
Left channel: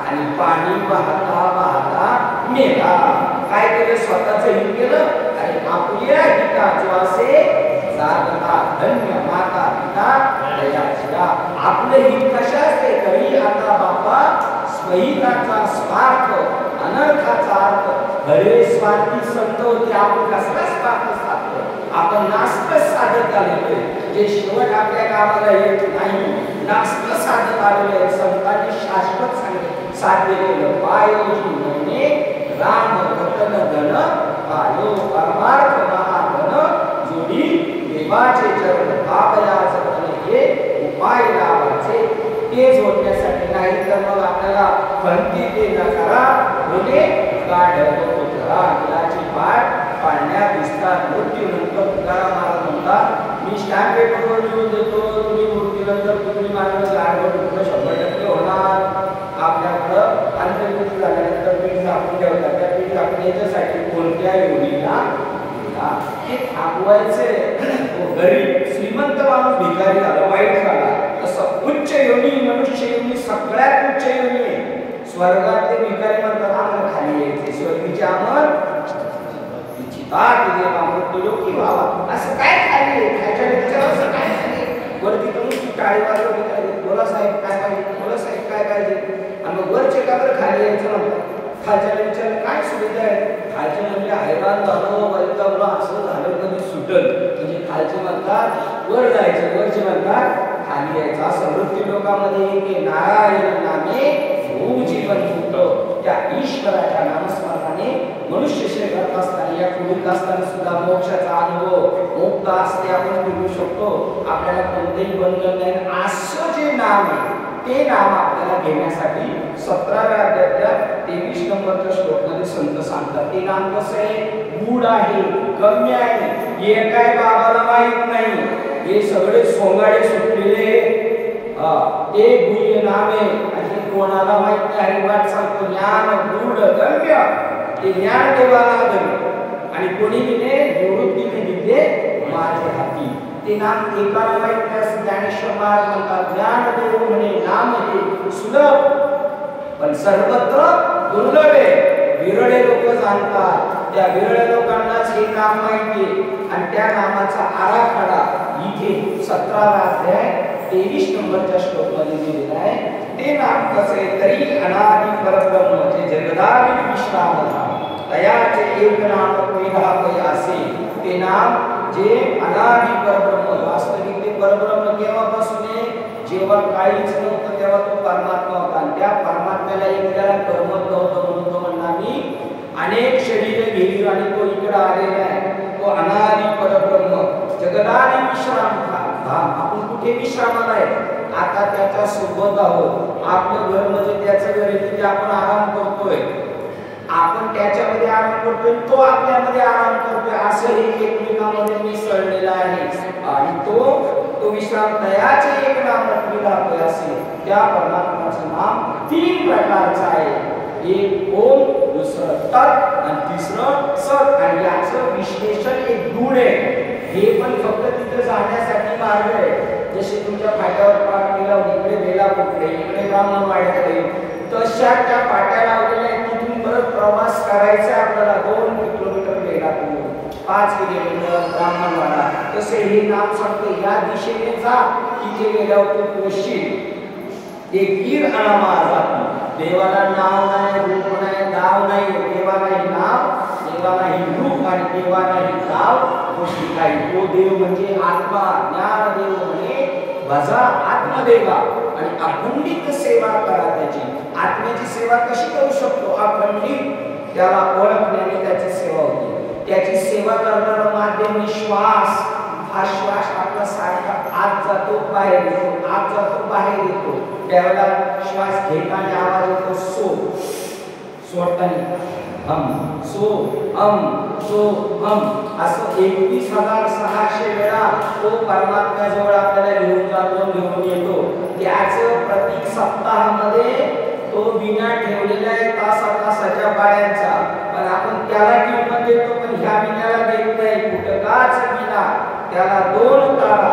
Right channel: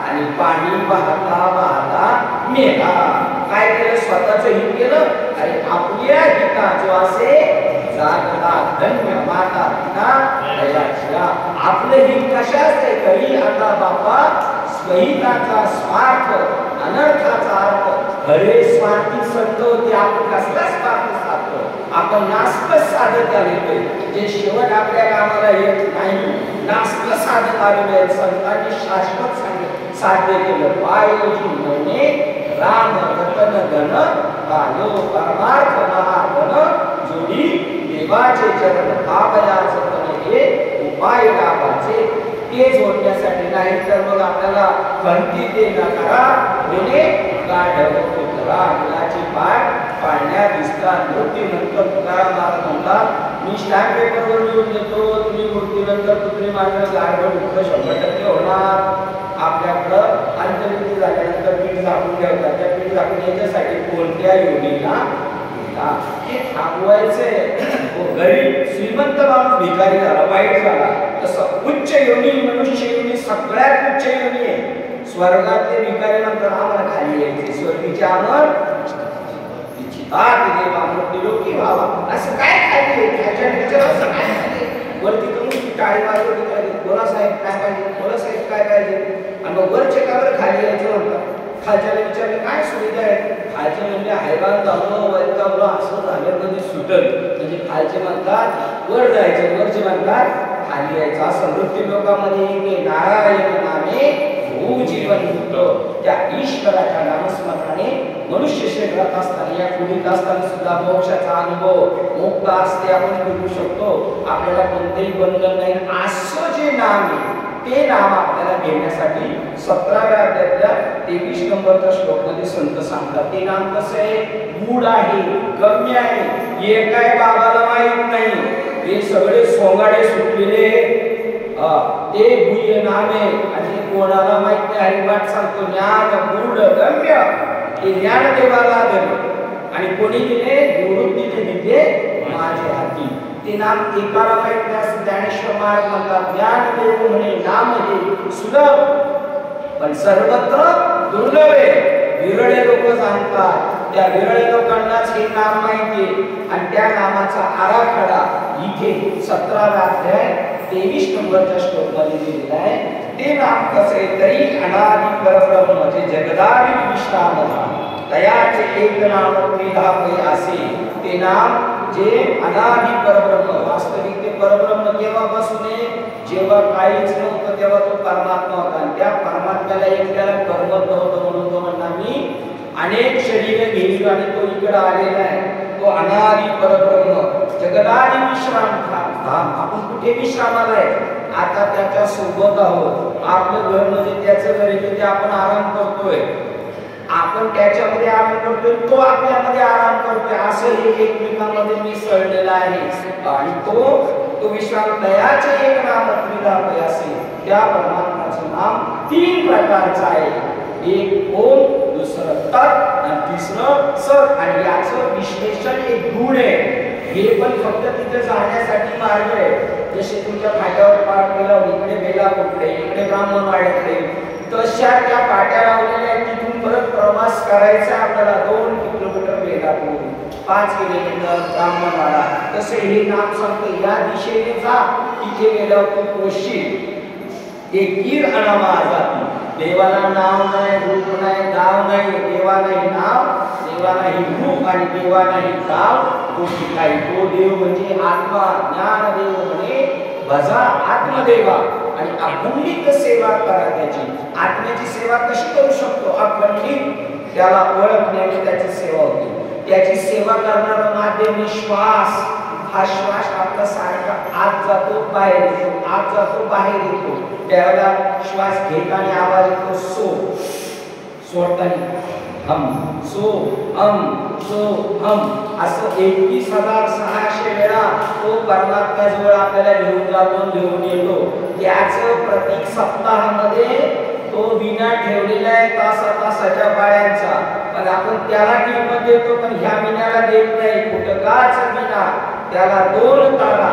आणि पाणी वाहता वाहता मेला. काय केलं? स्वतःच हित केलं. अरे आपल्या हिताचे जागला धन्य माता पिता दयाशिया. आपलं हित कशाच आहे? कधी आता बापा स्वहिताचा स्वार्थ अनर्थाचा अर्थ खरे स्वार्थी संत होते. आपण कसला स्वार्थ साधतो? आपण नास्कच साधत आलेलो आहे. जे शेवट आपल्या कामाला येत नाही नास्क साधत आलेलो आहे. संतांनी शाश्वत साध्य केलं. पायोजी म्हणे राम रतन धन पायो परमार्थ महाधन जोडी देवाचे चरण भावया जतन हे उपाय लावाचे. ते जोडण्यासाठी नाही तर मग आपल्याला भंती ते न करा होणे गाढव करा. मुलाची पाठ पाळण्यात दिसतात. मृत्यूनंतर तुकाराम महाराज म्हणतात, मी स्टॅम्प पेपरवर लिहून देतो, तुम्ही मृत्यूनंतर पुत्री मारलं गाढव दुःख 100% होणार. आपल्याकडं अंत्यविधी झाल्यानंतर पीठ झाकून ठेवतात. त्या पीठ झाकून याच्यासाठी कोणत्या योनीला हे थांबवायचे. गरीब श्रीमंत माणूस भिकारी झाला, वाईट झाला, तसं उच्च योनी मनुष्य योनी सगळ्यात उच्च योनी आहे. स्वर्गातले भिकारी म्हणतात आम्हाला खाली यायचे, स्वर्गीचे अमर इच्छितात देवा मृत्यूलोकी व्हावा. असं काय खाली खायच्या विचार वरती करून टाळी वाजवली, बोला साहेब काय पाहिजे, बोला साहेब काय पाहिजे. आणि मग वरचे का बरं खाली यायचं म्हणतात. खालच्याला विचारलं काय सुविधा आहे? खालचे म्हणजे हैराण झालो, वैतागलो, असं झालं कधी सुटल. म्हणजे खालचे म्हणतात वर जायचं, वरचे म्हणतात खाली यायचं. असं मृत्यू लोकांमध्ये नारायण नामे भू जीवन त्या ईश्वराच्या नामस्मरणाने मनुष्य शरीरात असताना या कुडीत असताना सुद्धा मोक्षाचा अनुभव मुक्त असते. आपण करू शकतो. आपल्याला कोणतेही बंधन नाही. असं जे नाम आहे ते नाम आपल्याला घेण्यासाठी 17व्या अध्यायातल्या 23 नंबरच्या श्लोकमध्ये संत सांगतात. ते नाम कसं आहे? गूढ आहे, गम्य आहे, हे काय बाबाला माहित नाही. हे सगळे सोंगाडे सुटलेले ते गुह्य नाम आहे आणि कोणाला माहित नाही. हरिवाट सांगतो ज्ञान गूढ गम्य ते ज्ञानदेवाला आदर आणि कोणी दिले? निवृत्तीने दिले माझे हाती. ते नाम एकाला माहित नाही असं ज्ञानेश्वर महाराज म्हणतात. ज्ञानदेव म्हणे नाम हे सुलभ पण सर्वत्र दुर्लभ आहे. विरळे लोक जाणतात. त्या विरळे लोकांनाच हे नाम माहिती आहे आणि त्या नामाचा आराखडा इथे 17व्या अध्याय 23 नंबरच्या श्लोकमध्ये दिलेला आहे. ते नाम कसं आहे? तरी अनादि परब्रह्म जे जगदादि विश्राम तयाचे एक नाम त्रिधा असे. ते नाम जे अनादि परब्रह्म वास्तविक ते परब्रह्म केव्हापासून आहे? जेव्हा काहीच नव्हतं तेव्हा तो परमात्मा होता आणि त्या परमात्म्याला एकट्याला कर्मत नव्हतं म्हणून तो म्हणला मी अनेक शरीरे घेईल आणि तो इकडे आलेला आहे. तो अनादि परब्रह्म जगदादि विश्राम धाम. आपण कुठे विश्रामाला आहे? आता त्याच्या सोबत आहोत. आपलं घर म्हणजे त्याचं घर आहे, तिथे आपण आराम करतोय, आपण त्याच्यामध्ये आराम करतोय, तो आपल्यामध्ये आराम करतोय, असं हे एकमेकांमध्ये मिसळलेलं आहे. आणि तो विश्राम तयाचे एक नाम त्रिधा तयासी, त्या परमात्म्याचं नाम 3 प्रकारचं आहे. एक ओम, दुसरं तत् आणि तिसरं सत. आणि याचं विश्लेषण एक गुण आहे. हे पण फक्त तिथे जाण्यासाठी मार्ग आहे. जसे तुमच्या फाट्यावर पाट केला, इकडे बेलापूरकडे, इकडे ब्राह्मणवाड्याकडे, तशा त्या पाट्या लावलेल्या आहेत. तिथून परत प्रवास करायचा आपल्याला 2 किलोमीटर बेलापूर, 5 किलोमीटर ब्राह्मणवाडा. तसे हे नाम सांगते या दिशेने जा, तिथे गेल्यावर तू पोषशील. एकीर अनामा जाती, देवाला नाव नाही, रूप नाही, गाव नाही, देवालाही नाव, देवालाही रूप आणि देवालाही नाव, गोष्टी काही. तो देव म्हणजे आत्मा, ज्ञानदेव म्हणे भजा आत्मदेवा. आणि अखंडित सेवा करा त्याची. आत्म्याची सेवा कशी करू शकतो? अखंडित त्याला ओळखण्याने त्याची सेवा होते. त्याची सेवा करणारं माध्यम श्वास. हा श्वास आपला सारखा आत जातो बाहेर येतो, आत जातो बाहेर येतो. त्यावेळेला श्वास घेताना आवाज येतो सो, सोडताना हम, सो हम, सो हम. असं 21,600 वेळा तो परमात्म्याजवळ आपल्याला घेऊन जातो, घेऊन येतो. त्याचं प्रतीक सप्ताहामध्ये तो विना ठेवलेला आहे तासाच्या पाळ्यांचा. पण आपण त्याला किंमत देतो, पण ह्या विनाला देत नाही. कुटकाच विना, त्याला 2 तारा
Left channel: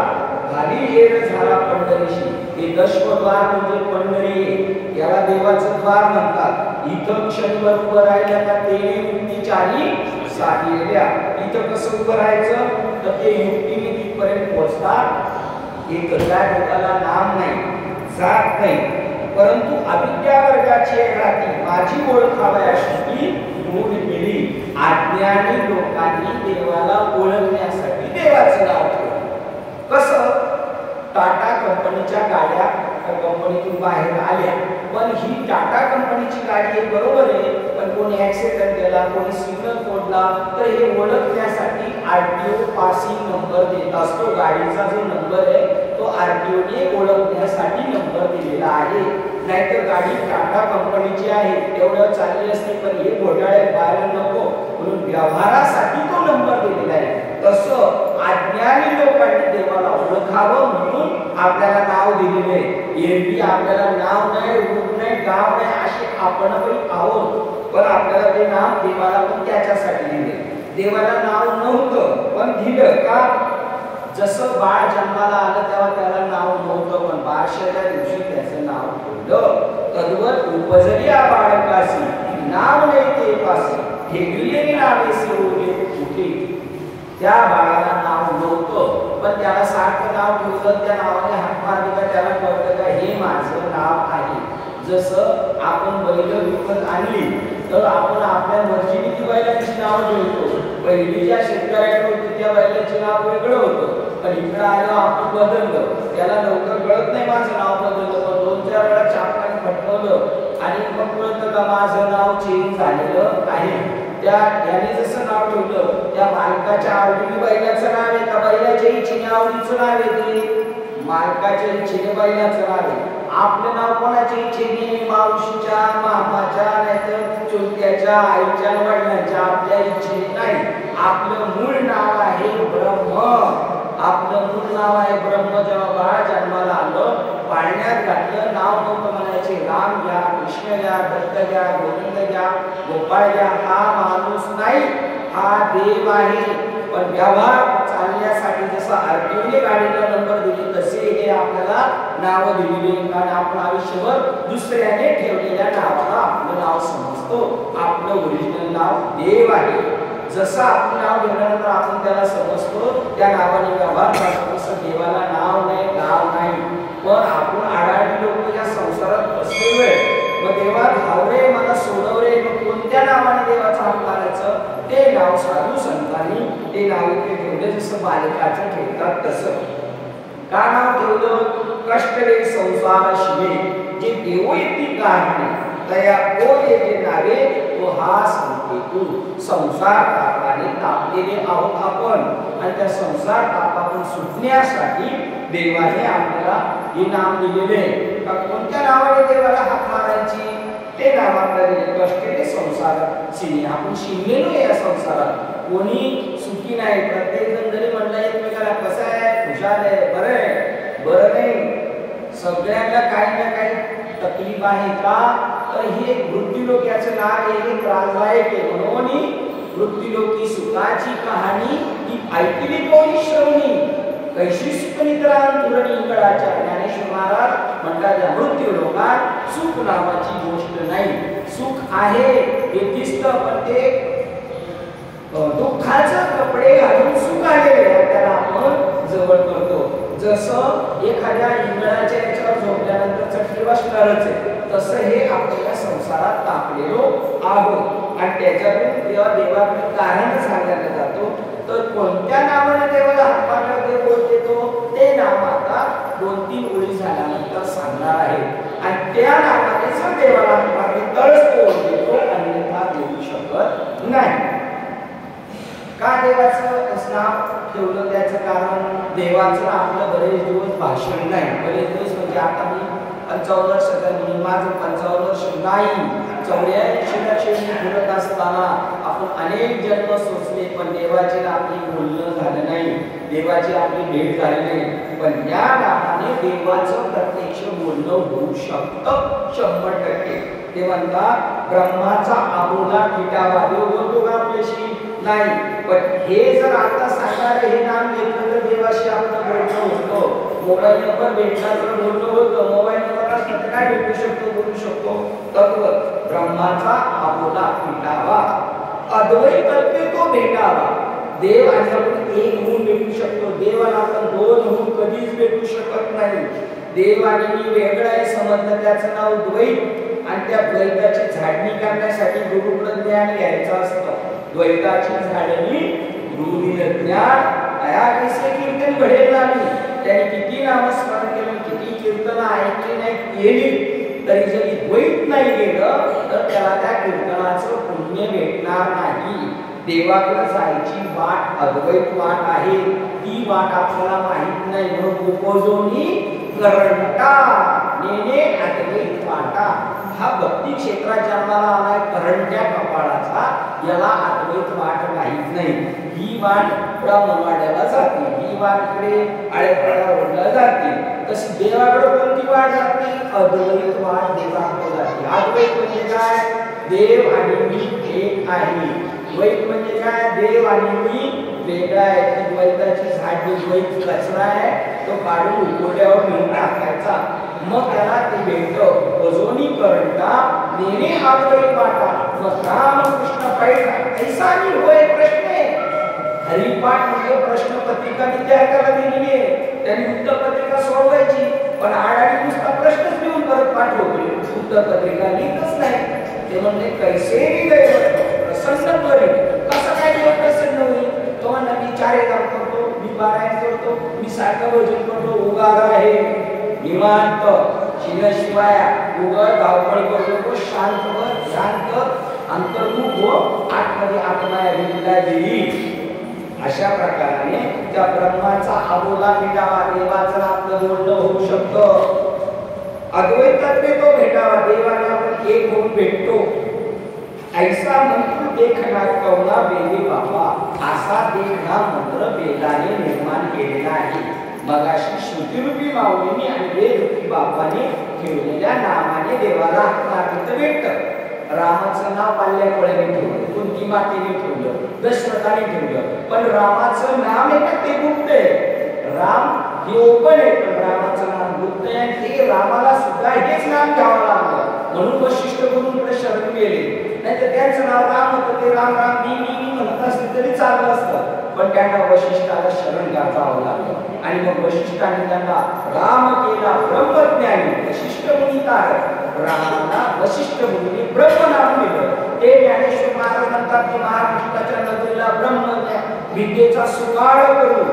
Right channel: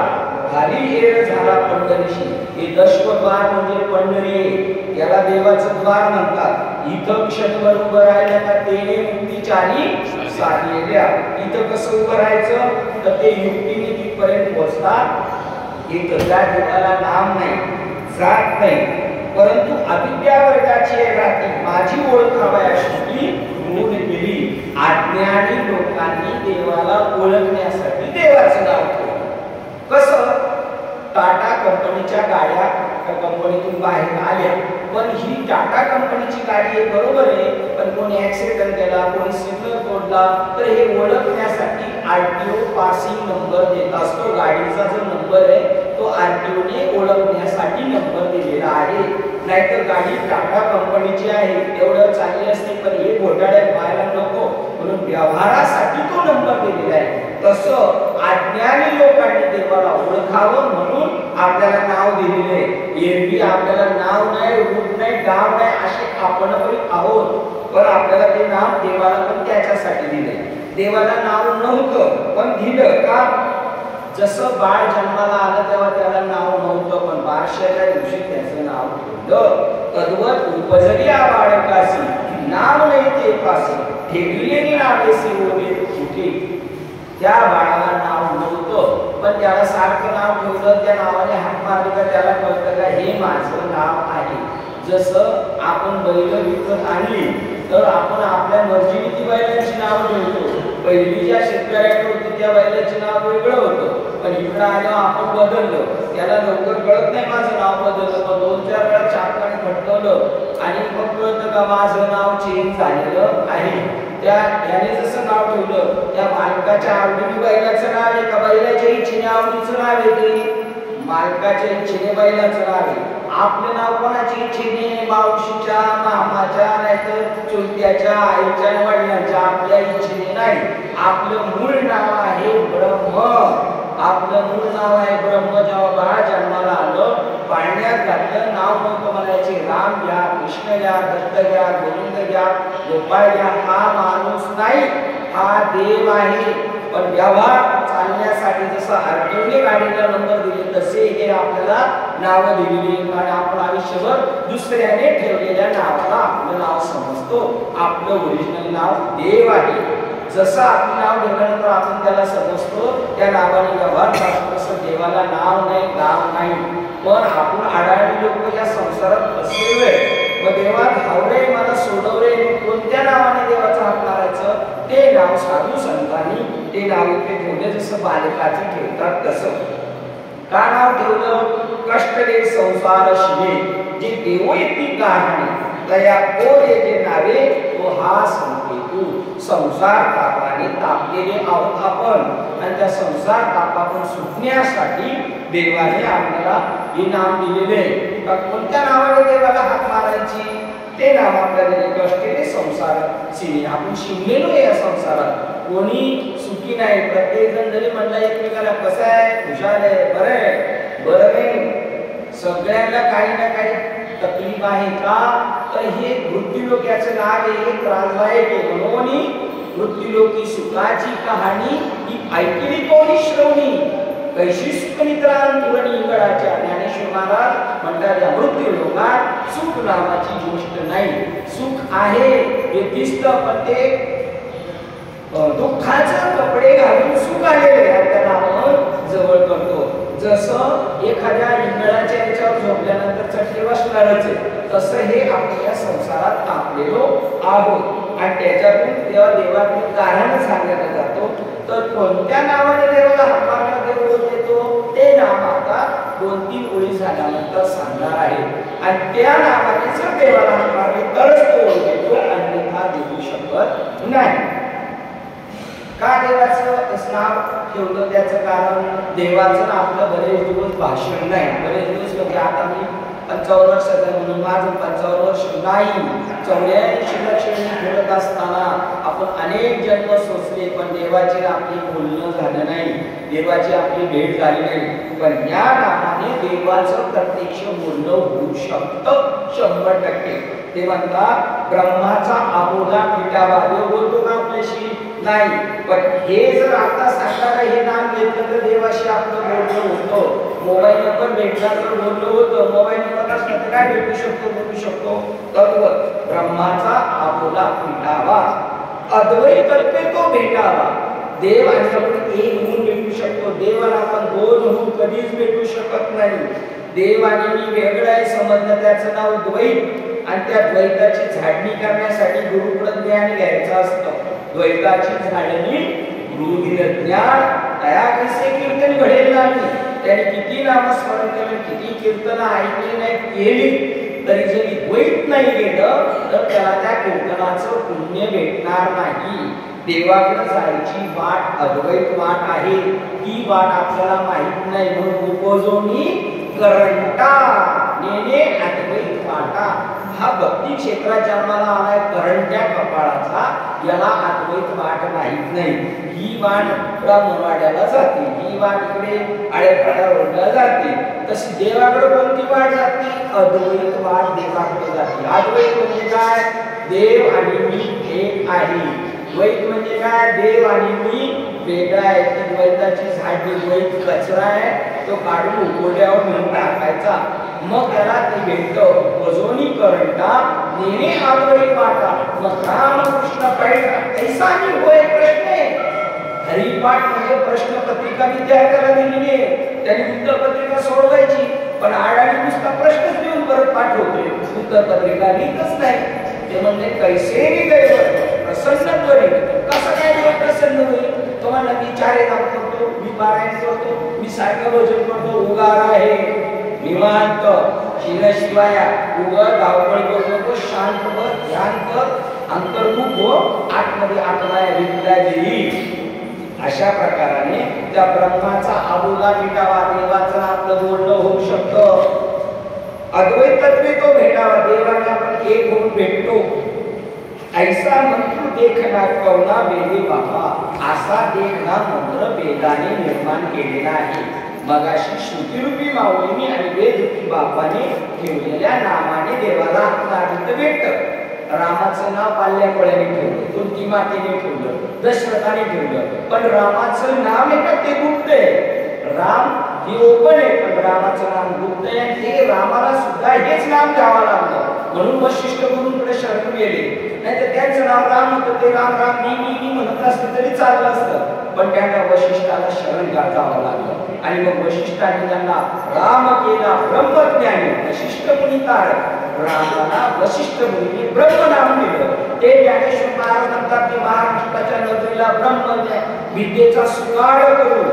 घाली येर झाला पंढरीशी. हे दशद्वार म्हणजे पंढरी, त्याला देवाचं द्वार म्हणतात. इथं क्षणभर उभं राहिलं का तेने मुक्ती 4 साधलेल्या. इथं कसं उभं राहायचं तर ते युक्तीने तिथपर्यंत पोहोचतात. इथं त्या देवाला नाम नाही, जात नाही, परंतु अविद्या वर्गाची राहती माझी ओळख हवयाशी होऊन गेली. अज्ञानी लोकांनी देवाला ओळखण्यासाठी देवाचं नाव ठेवलं. कसं? टाटा कंपनीच्या गाड्या कंपनीतून बाहेर आल्या, पण ही टाटा कंपनीची गाडी आहे बरोबर आहे, पण कोणी ऍक्सिडेंट केला, कोणी सिग्नल तोडला, तर हे ओळखण्यासाठी आरटीओ पासिंग नंबर देत असतो. गाडीचा जो नंबर आहे तो आरटीओने ओळखण्यासाठी नंबर दिलेला आहे. नाहीतर गाडी टाटा कंपनीची आहे एवढं चालली असते, पण हे घोटाळे व्हायला नको म्हणून व्यवहारासाठी तो नंबर दिलेला आहे. तसं अज्ञानी लोकांनी देवाला ओळखावं म्हणून आपल्याला नाव दिलेले आहे. एरवी आपल्याला नाव नाही, रूप नाही, गाव नाही, असे आपण पण आहोत, पण आपल्याला ते नाव देवाला पण त्याच्यासाठी दिले. देवाला नाव नव्हतं पण दिलं का? जसं बाळ जन्माला आलं तेव्हा त्याला नाव नव्हतं, पण बारशाच्या दिवशी त्याचं नाव ठेवलं. तद्वत उपजल्या बाळकासी नाम नाही ते पासी, ठेवलेली नावे सेवले कुठे. त्या बाळाला नाव नव्हतं, पण त्याला सारखं नाव ठेवलं. त्या नावाने हाक मारली का त्याला कळतं का हे माझं नाव आहे. जसं आपण बैल विकत आणली तर आपण आपल्या मर्जीने ती बैलांची नावं ठेवतो. पहिली ज्या शेतकऱ्याकडे होती त्या बैलाचे नाव वेगळं होतं, पण इकडं आल्यावर आपण बदललं. त्याला लवकर कळत नाही माझं नाव बदललं, पण 2-4 वेळा चापाने फटकवलं आणि मग कळतं का माझं नाव चेंज झालेलं आहे. त्याने जसं नाव ठेवलं त्या मालकाच्या आवडीने बैलाचं नाव आहे का बैलाच्या इच्छेने आवडीचं नाव आहे ते? मालकाच्या इच्छेने बैलाचं नाव आहे. आपलं नाव कोणाच्या इच्छेने? मावशीच्या, मामाच्या, नाहीतर चुलत्याच्या, आईच्या, वडिलांच्या, आपल्या इच्छेने नाही. आपलं मूळ नाव आहे ब्रह्म. आपलं मूळ नाव आहे ब्रह्म. जेव्हा बाळ जन्माला आलं, पाळण्यात घातलं, नाव नव्हतं म्हणायचे. राम घ्या, कृष्ण घ्या, दत्त घ्या, गोविंद घ्या, गोपाळ घ्या. हा माणूस नाही, हा देव आहे. पण व्यवहार चालण्यासाठी जसं आरटीओने गाडीला नंबर दिले तसे हे आपल्याला नावं दिलेली. कारण आपण आयुष्यभर दुसऱ्याने ठेवलेल्या नावाला आपलं नाव समजतो. आपलं ओरिजिनल नाव देव आहे. जसं आपलं नाव ठेवल्यानंतर आपण त्याला समजतो, त्या नावाने व्यवहार करतो. तसं देवाला नाव नाही, गाव नाही, पण आपण आढळली लोक या संसारात फसलेलो आहे. मग देवा धावरे मला सोडवरे, मग कोणत्या नावाने देवाचा हात मारायचं? ते नाव साधू संतांनी ते नाव इथे ठेवले. जसं बालकाचं ठेवतात तसं. का नाव ठेवलं? कष्ट दे संसार शिवे जे देवो येती गाहणे, तया को दे जे नावे तो हा संकेतू. संसार तापाने तापलेले आहोत आपण, आणि त्या संसार तापातून सुटण्यासाठी देवाने आपल्याला हे नाम दिलेले आहे का कोणत्या नावाने देवाला हाक मारायची ते नाम आपल्याला कष्टेने संसार सिनी आपण शिंगलेलो या संसारात कोणी सुखी नाही प्रत्येक जण जरी म्हणलं एकमेकाला कसं आहे खुशाल आहे बरं नाही सगळ्यांना काही ना काही तकलीफ आहे का तर हे मृत्यूलोक याचं नाव आहे हे त्रासदायक आहे म्हणून मृत्यूलोकी सुखाची कहाणी ही ऐकली कोणी श्रवणी कैशी सुख निद्रान तुरणी इंगळाच्या ज्ञानेश्वर महाराज म्हणतात या मृत्यूलोकात सुख नावाची गोष्ट नाही सुख आहे हे दिसतं पण ते दुःखाचे कपडे घालून सुख आलेले आहे त्याला आपण जवळ करतो जसं एखाद्या इंगळाच्या याच्यावर झोपल्यानंतर चटके बसणारच आहे तसं हे आपल्या संसारात टाकलेलो आहोत आणि त्याच्यातून तेव्हा देवाकडे कारण सांगण्यात जातो तर कोणत्या नावाने देवाला हाक देव देतो ते नाव आता 2-3 ओळी झाल्यानंतर सांगणार आहे आणि त्या नावाने जर देवाला हाक मारली तरच तो देतो अन्यथा देऊ शकत नाही का देवाचं नाव ठेवलं त्याचं कारण देवाचं आपलं बरेच दिवस भाषण नाही बरेच दिवस म्हणजे आता मी 55 वर्षाचा म्हणून माझं 55 वर्ष नाही 84 लक्षणी बोलत असताना आपण अनेक जन्म सोचले पण देवाची आपली बोलणं झालं नाही देवाची आपली भेट झाली नाही पण या नावाने देवाचं प्रत्यक्ष बोलणं होऊ शकतं 100% ते म्हणतात ब्रह्माचा आबोला फिटावा देव बोलतो का आपल्याशी नाही पण हे जर आता सांगणार हे नाम घेतलं तर देवाशी आपलं बोलणं होतं मोबाईल नंबर भेटला तर बोलणं होतं मोबाईल नंबर असला तर काय भेटू शकतो बोलू शकतो तत्व ब्रह्माचा आबोला फिटावा अद्वैत तत्वे तो भेटावा देव आणि आपण एक होऊन भेटू शकतो देवाला आपण 2 होऊन कधीच भेटू शकत नाही देव आणि मी वेगळं आहे समजलं त्याचं नाव द्वैत आणि त्या द्वैताची झाडणी करण्यासाठी गुरुकडे ज्ञान घ्यायचं असतं द्वैताची झाडणी गुरुदिन ज्ञान अया कसे कीर्तन घडेल नाही त्याने किती नामस्मरण केलं किती कीर्तन ऐकली नाही केली तरी जरी द्वैत नाही गेलं तर त्याला त्या कीर्तनाचं पुण्य भेटणार नाही देवाकडे जायची वाट अद्वैत वाट आहे ती वाट आपल्याला माहित नाही म्हणून उपजोनी करंटा नेने अद्वैत वाटा हा भक्ती क्षेत्रात जन्माला आलाय करंट्या कपाळाचा याला अद्वैत वाट माहित नाही ही वाट ब्राह्मणवाड्याला जाते ही वाट इकडे आळेपाडा रोडला जाते तशी देवाकडे कोणती वाट जाते अद्वैत वाट देवाकडे जाते अद्वैत म्हणजे काय देव आणि मी एक आहे द्वैत म्हणजे काय देव आणि मी वेगळा आहे ती द्वैताची झाडणी द्वैत कचरा आहे तो काढून उकोड्यावर नेऊन टाकायचा मग त्याला ते भेटतं वजोनी करंटा नेणे अद्वैत वाटा मग राम कृष्ण पैठा ऐसा नाही होय प्रश्न आहे हरिपाठ म्हणजे प्रश्नपत्रिका विद्यार्थ्याला दिलेली आहे त्यांनी उत्तरपत्रिका सोडवायची पण आडाणी नुसता प्रश्नच लिहून परत पाठवते उत्तरपत्रिका लिहितच नाही ते म्हणले कैसे हृदय प्रसन्न त्वरित कसं काय देव प्रसन्न होईल तो म्हणला मी 4 काम करतो मी पारायण करतो मी सायकोलॉजी करतो उगार आहे निवांत शिरशिवाया उगार धावपळ करू नको शांत अंतर्मुख हो आतमध्ये आत्माया विद्या देईल अशा प्रकाराने त्या ब्रह्माचा आबोला मिटावा देवाचं आपलं बोलणं होऊ शकतं अद्वैत तत्वे तो भेटावा देवाला आपण एक होऊन भेटतो ऐसा मंत्र देखना कवना वेदी बाबा असा देखना मंत्र वेदाने निर्माण केलेला आहे मगाशी श्रुतीरूपी माऊलीने आणि वेदरूपी बापाने ठेवलेल्या नामाने देवाला मागितलं भेटतं रामाचं नाव पाल्यापोळ्याने ठेवलं कुंती मातेने ठेवलं दशरथाने ठेवलं पण रामाचं नाव आहे का ते गुप्त आहे राम हे ओपन आहे पण रामाचं नाम गुप्त आहे ते रामाला सुद्धा हेच नाम घ्यावं लागलं म्हणून वशिष्ठ गुरूंकडे शरण गेले नाहीतर त्यांचं नाव राम होतं ते राम राम मी म्हणत असलं तरी चाललं असतं पण त्यांना वशिष्ठाला शरण जावं लागलं आणि मग वशिष्ठाने त्यांना राम केला ब्रह्मज्ञानी वशिष्ठ मुनी तारक रामाला वशिष्ठ मुनीने ब्रह्म नाम दिलं ते ज्ञानेश्वर महाराज म्हणतात की महाराष्ट्राच्या नगरीला विद्येचा सुकाळ करू,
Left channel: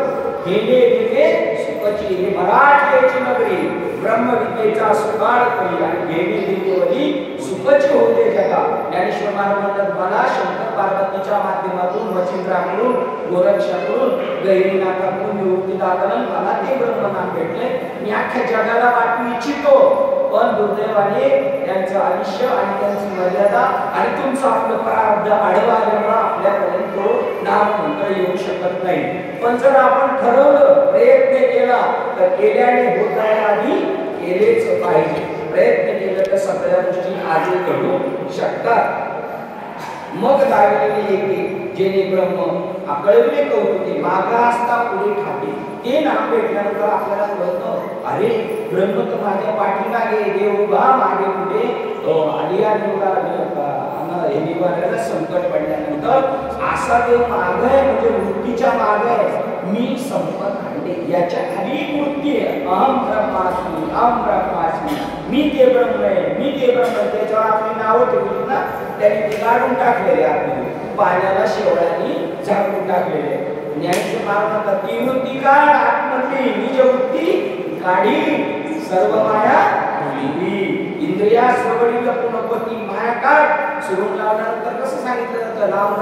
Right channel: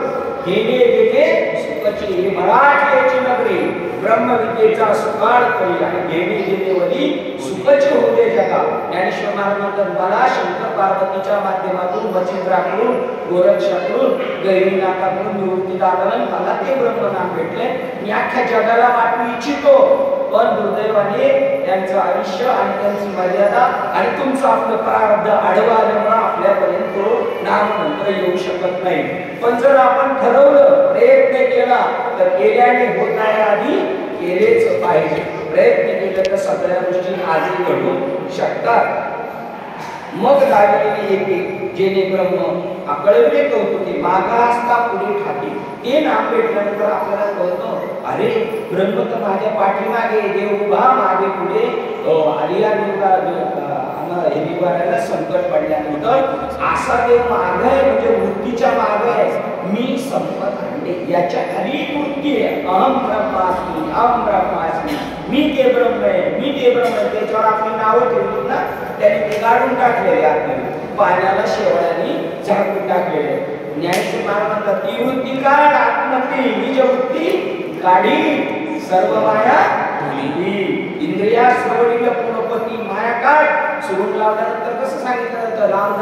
घेणे देणे सुखची. हे मराठीची नगरी ब्रह्मविद्येचा सुकाळ करी आणि घेणे देणेवरी सुखची होऊ दे जगा. ज्ञानेश्वर महाराज म्हणतात, मला शंकर पार्वतीच्या माध्यमातून, मच्छिंद्राकडून, गोरक्षाकडून, गैरीनाथाकडून, निवृत्तीदादाला मला ते ब्रह्मनाम भेटले. मी अख्ख्या जगाला वाटू इच्छितो, पण दुर्दैवाने त्यांचं आयुष्य आणि त्यांची मर्यादा आणि तुमचं आपलं प्रारब्ध आडवं आल्यामुळे आपल्यापर्यंत तो नाममंत्र येऊ शकत नाही. पण जर आपण ठरवलं, प्रयत्न केला, तर केल्याने होत आहे आधी केलेच पाहिजे. प्रयत्न केलं तर सगळ्या गोष्टी आधी घडू शकतात. मग लागलेली येते जेणे ब्रह्म कळविले कौतुके, मागा असता पुढे ठाके. ते नाम भेटल्यानंतर आपल्याला कळतं, अरे ब्रह्म तर माझ्या पाठीमागे, देव उभा मागे पुढे. आलिया निवारायला संकट पडल्यानंतर असा देव माग आहे, म्हणजे वृत्तीच्या माग आहे. मी संपत आणले, याच्या खाली वृत्ती आहे. अहम ब्रह्मास्मी, अहम ब्रह्मास्मी, मी ते ब्रह्म आहे, मी ते ब्रह्म आहे. त्याच्यावर आपली नावं ठेवली ना, त्याने ते गाडून टाकलेले आतमध्ये, पाण्याला शेवड्याने झाकून टाकलेले. ज्ञानेश्वर महाराज म्हणतात, ती वृत्ती काढ आतमधली, निज वृत्ती काढी, सर्व माया भुली. इंद्रिया श्रवणीला पुनपती माया काढ. सुरुंग लावल्यानंतर कसं सांगितलं जातं, लांब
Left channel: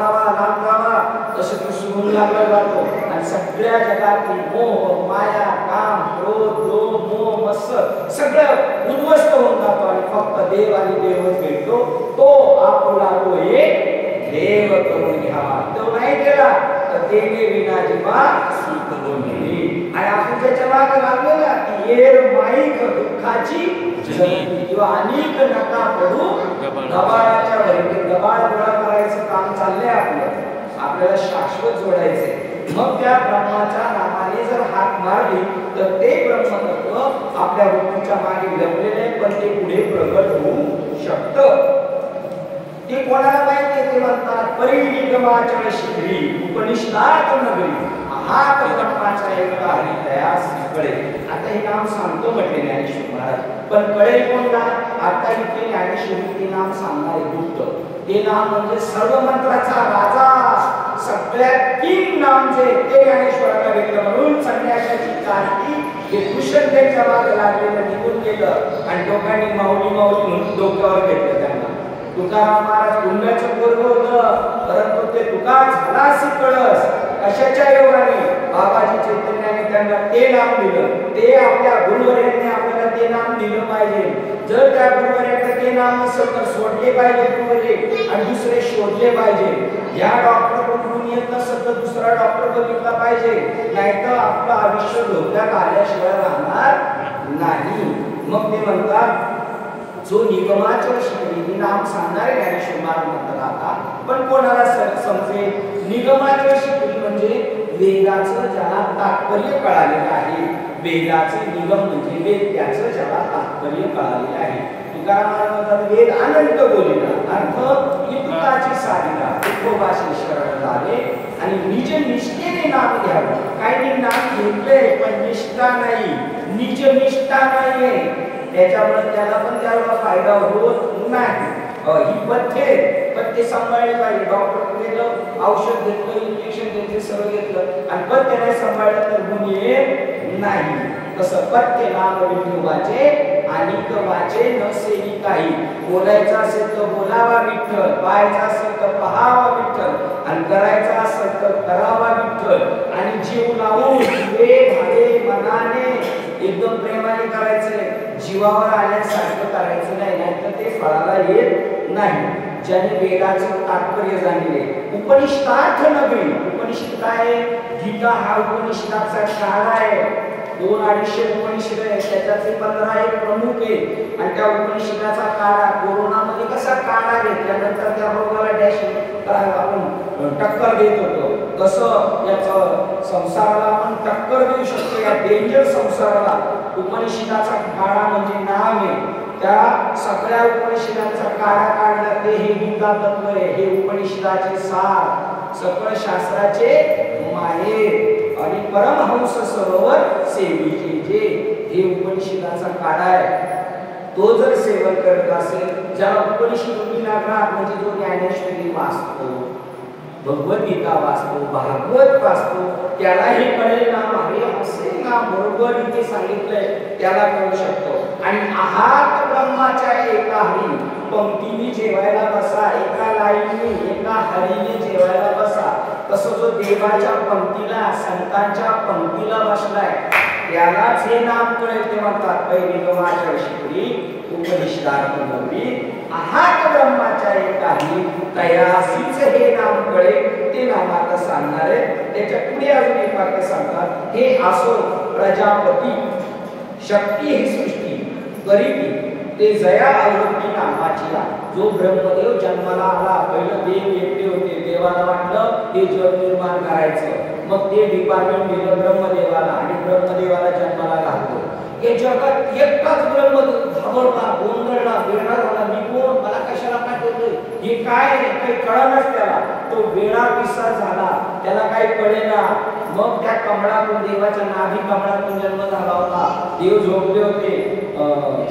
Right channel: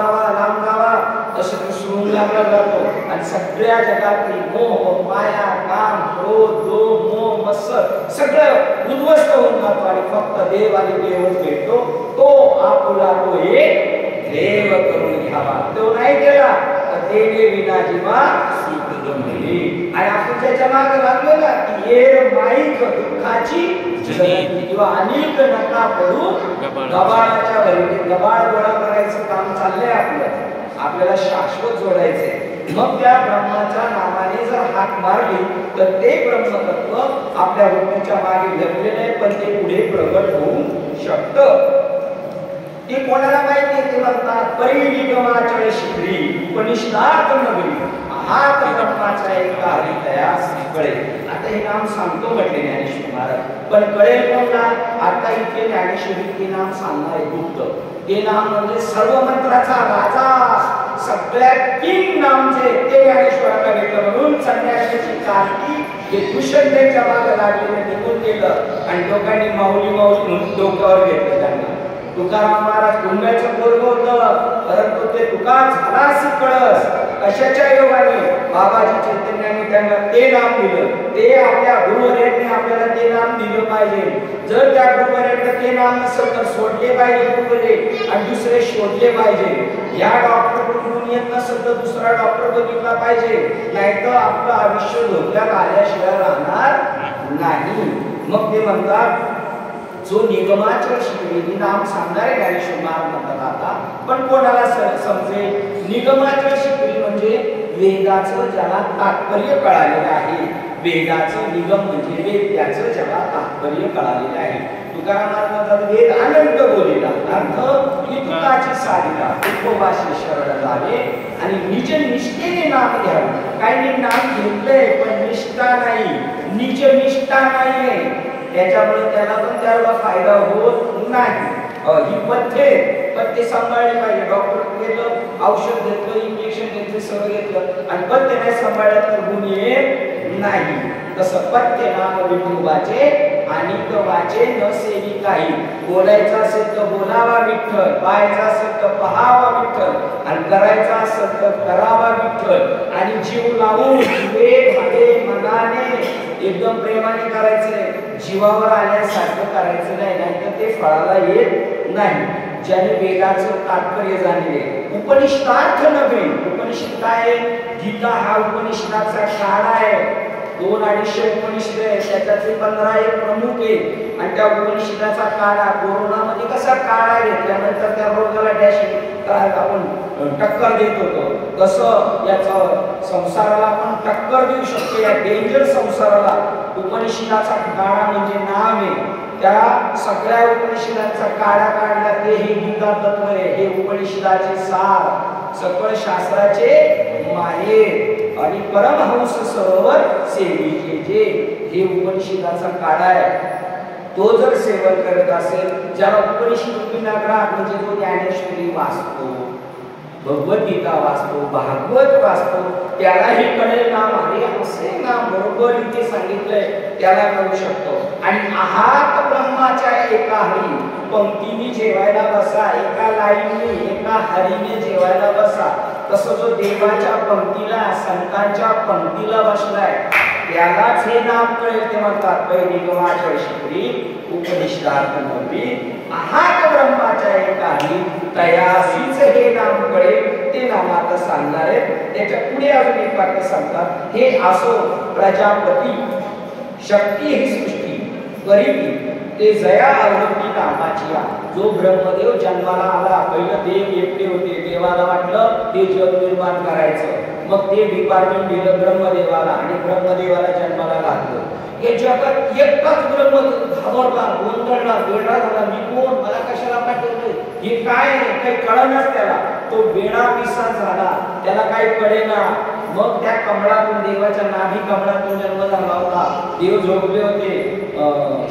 जावा तसं ते सुरुंग लावला जातो आणि सगळ्या जगातली मोह, माया, काम, क्रोध, लोभ, मोह, मत्सर सगळं उद्ध्वस्त होऊन जातो आणि फक्त देव आणि देवच भेटतो. तो आपुला तो एक देव करून घ्यावा. तो नाही केला तर देणे विना जीवा आणि आपण त्याच्या मागे लागलो ना, की येर माईक दुःखाची किंवा अनेक नका पडू गबाळाच्या घरी. गबाळ गोळा करायचं काम चाललंय आपल्याला शाश्वत जोडायचंय. मग त्या ब्रह्माच्या नावाने जर हाक मारली तर ते ब्रह्मतत्व आपल्या वृत्तीच्या मागे लपलेले, पण ते पुढे प्रगट होऊ शकतं. ते कोणाला माहिती आहे? ते म्हणतात परिनिगमाचळ शिखरी उपनिषदात नगरी, हात ब्रह्माचा एका हरितयास कळे. आता हे नाम सांगतो म्हटले ज्ञानेश्वर महाराज, पण कळेल कोणला? आता इथे ज्ञानेश्वरी ते नाम सांगणारे गुप्त. ते नाम म्हणजे सर्व मंत्राचा राजा, सगळ्यात किंग नाम जे ते ज्ञानेश्वराला भेटलं. म्हणून संन्यासाची कारती हे दूषण त्यांच्या मागे लागलेलं निघून गेलं आणि लोकांनी माऊली माऊली म्हणून डोक्यावर घेतलं त्यांना. तुकाराम महाराज कुंभ्याचं पोरगं होतं, परंतु ते तुका झाला कळस. अशाच्या योगाने बाबाजी चैतन्याने त्यांना ते नाम दिलं. ते आपल्या गुरुवर्यांनी आपल्याला ते नाम दिलं पाहिजे. जर त्या गुरुवर्यांना ते नाम नसेल तर सोडले पाहिजे गुरुवर्य आणि दुसरे शोधले पाहिजे. या डॉक्टर कडून येत नसेल तर दुसरा डॉक्टर बघितला पाहिजे, नाहीतर आपलं आयुष्य धोक्यात आल्याशिवाय राहणार नाही. मग ते म्हणतात, जो निगमाचळ शिकवी नाम सांगणारे ज्ञानेश्वर महाराज म्हणतात. आता पण कोणाला समजेल? निगमाचळ शिकवी म्हणजे वेदाचं ज्याला तात्पर्य कळालेलं आहे. वेदाचं निगम म्हणजे वेद, त्याचं ज्याला तात्पर्य कळालेलं आहे. तुकाराम महाराज म्हणतात, वेद अनंत बोलिला, अर्थ इतुकाची साधिला, उपवासी शरण झाले आणि निज निष्ठेने नाम घ्यावे. काही नाम घेतलंय पण निष्ठा नाही, निज निष्ठा नाहीये, त्याच्यामुळे त्याला पण त्याला फायदा होत नाही. ही पथ्य सांभाळले पाहिजे. डॉक्टर गेलं, औषध घेतलं, इंजेक्शन घेतलं, सगळं घेतलं आणि पथ्य नाही सांभाळलं तर गुण येत नाही. तसं पथ्य नाम विठोबाचे आणि वाचे न सेवी काही. बोलायचं असेल तर बोलावा विठ्ठल, पाहायचं असेल तर पहावा विठ्ठल आणि करायचं असेल तर करावा विठ्ठल. आणि जीव लावून भावे मनाने एकदम प्रेमाने करायचंय, जीवावर आल्यासारखं करायचं नाही, नाहीतर ते फळाला येत नाही. ज्याने वेदाचं तात्पर्य जाणले. उपनिषदार्थ नगरी. उपनिषद काय आहे? गीता हा उपनिषदाचा शाळा आहे. 200-250 उपनिषद आहे, त्याच्यातले 15 एक प्रमुख आहे. आणि त्या उपनिषदाचा काढा कोरोनामध्ये कसा काढा घेतल्यानंतर त्या रोगाला डॅश आपण टक्कर देत होतो, तसं याचा संसाराला आपण टक्कर देऊ शकतो. या डेंजर संसाराला उपनिषदाचा काढा म्हणजे नाम आहे. त्या सगळ्या उपनिषदांचा काढा काढला ते हे गीता तत्व आहे. हे उपनिषदाचे सार, सकळ शास्त्राचे माहेर आणि परमहंस सरोवर सेवेचे जे हे उपनिषदाचा काढा आहे. तो जर सेवन करत असेल, ज्याला उपनिषद विनाग्रह म्हणजे जो ज्ञानेश्वरी वाचतो, भगवद्गीता वाचतो, भागवत वाचतो, त्यालाही कळेल नाम अरे असे नाम बरोबर इथे सांगितलंय, त्याला कळू शकतो. आणि आहात ब्रह्माच्या एका हरी, पंक्तीने जेवायला बसा, एका लाईनने एका हरीने जेवायला बसा. तसं जो देवाच्या पंक्तीला, संतांच्या पंक्तीला बसलाय त्यालाच हे नाम कळेल. ते म्हणतात पहिली गमाच्या शिकरी उपनिषदार्थ नववी, आहात ब्रह्माच्या एकाही तयासीच हे नाम कळेल. ते नाम आता सांगणार आहे. त्याच्या पुढे अजून एक वाक्य सांगतात, हे असो प्रजापती शक्ती ही सृष्टी गरिबी ते जया आवृत्ती नामाची. जो ब्रह्मदेव जन्माला आला, पहिलं देव एकटे होते, देवाला वाटलं हे जग निर्माण करायचं, मग ते डिपार्टमेंट दिलं ब्रह्मदेवाला आणि ब्रह्मदेवाला जन्माला घातलं. हे जगात एकटाच ब्रह्मदेव घाबरला, गोंधळला, वेडा झाला, मी कोण, मला कशाला पाठवलं, हे काय, काही कळेनाच त्याला. तो वेडा पिसा झाला, त्याला काही कळेना. मग त्या कमळातून, देवाच्या नाभी कमळातून जन्म झाला होता. देव झोपले होते,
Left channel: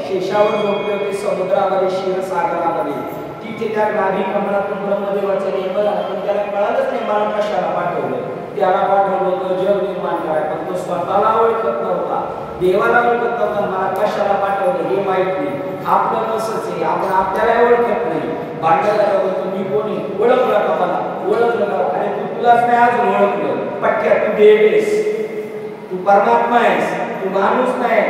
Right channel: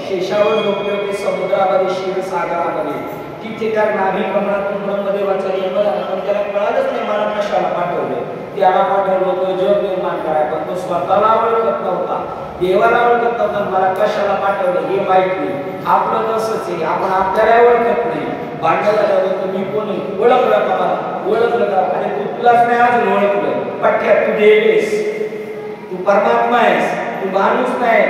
शेषावर झोपले होते समुद्रामध्ये, क्षीरसागरामध्ये. तिथे त्या नाभी कमळातून ब्रह्मदेवाचा जन्म झाला, पण त्याला कळालंच नाही मला कशाला पाठवलं. त्याला पाठवलं होतं जग निर्माण करायला, पण तो स्वतःला ओळखत नव्हता, देवाला ओळखत नव्हता. मला कशाला पाठवलं हे माहित नाही. आपलं तसंच आहे, आपण आपल्याला ओळखत नाही. भांडायला बोलतो मी कोणी, ओळखलं का मला, ओळखलं का, अरे तू तुलाच नाही अजून ओळखलं. पठ्ठ्या तू देव आहेस, तू परमात्मा आहेस, तू माणूस नाही.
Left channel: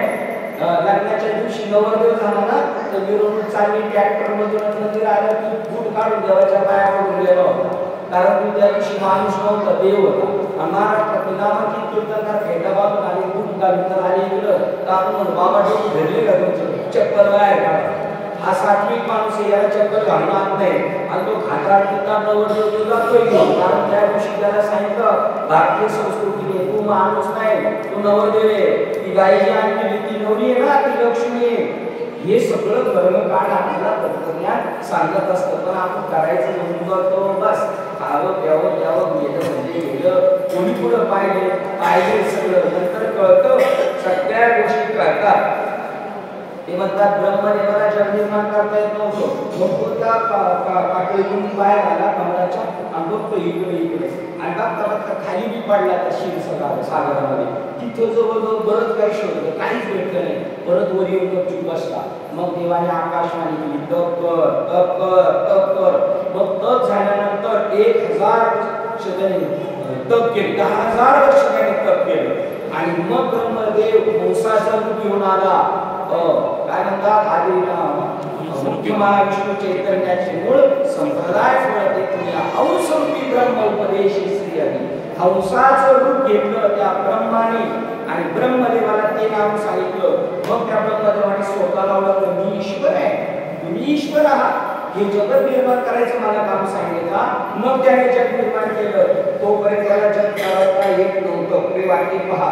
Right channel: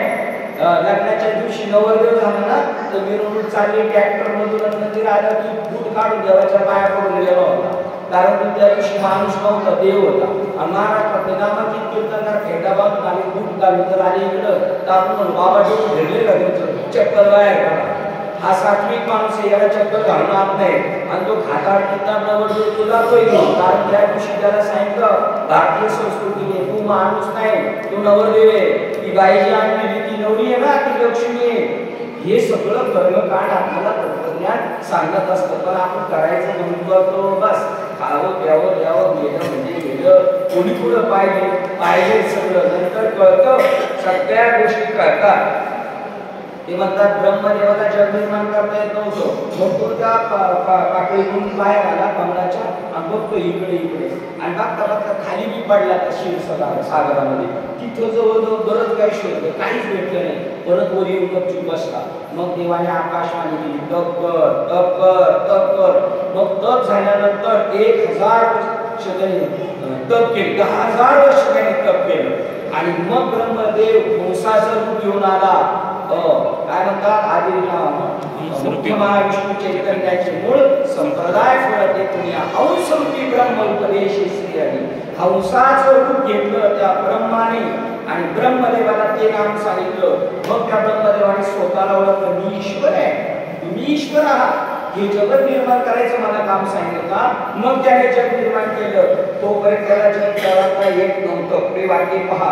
लग्नाच्या दिवशी नवरदेव झाला ना, तर मिरवणूक चालली ट्रॅक्टर मधून, मंदिर आलं की बूट काढून देवाच्या पाया पडून गेलेला होता, कारण तू त्या दिवशी माणूस नव्हता, देव होता. आणि महाराष्ट्रात नामांकित कीर्तनकार फेटा बांधून आले, बूट घालून तर आले इकडं, तर आपण बाबा डोकं घेरले का तुमचं, चप्पल बाहेर काढा. हा सात्विक माणूस आहे, याला चप्पल घालून आत नाही. आणि तो खाताड पिताड नवरदेव तो जातोय, कारण त्या दिवशी त्याला सांगितलं भारतीय संस्कृतीने तू माणूस नाही, तू नवरदेव आहे, ती बाई जी आणली ती नवरी आहे ना, ती लक्ष्मी आहे. हे सगळं कर्मकांड आपल्याला तत्वज्ञान सांगत असतं, पण आपण करायचं म्हणून करतो बस. खावं प्यावं द्यावं, गेलं म्हणजे गेलं, कोणी पुढं पाहिले सगळं, नंतर कळतं, सगळ्या गोष्टी कळतात. ते म्हणतात ब्रह्मदेवाला जग निर्माण करता येत नव्हतं, मग तो त्या पाकळीतून पाय घाला कमळाच्या आणि बघतो इकडे इकडे, आणि बघता बघता खाली बी पडला त्या क्षीरसागरामध्ये. तिथं जवळजवळ बरंच काही शोधलं, काहीच भेटलं नाही. परत वर येऊन गपचूप बसला. मग देवाने आकाशवाणी केली, तप कर तप कर तप कर. मग तप झाल्यानंतर 1000 वर्ष त्यांनी तप केले, 10,000 वर्ष त्यांनी तप केलं. आणि मग ब्रह्मदेव हंसाचा रूप घेऊन आला. काय म्हणतात, आदी मुख्य महाविष्णू चैतन्याचे मूळ संप्रदाय फळते पुण्या हंसरूपी ब्रह्म उपदेशी श्री हरी. हंसाचं रूप घेतलं त्या ब्रह्माने आणि ब्रह्मदेवाला ते नाम सांगितलं. मग त्या ब्रह्मदेवाने स्वतःला ओळखलं, मी ईश्वर आहे, तुम्ही ईश्वर आहात, हे जगत निर्माण करायचं मला काम सांगितलं का. मग त्याने जग निर्माण केलं. तोपर्यंत त्याला जग करता येत नव्हतं. पुढे वाक्य पहा,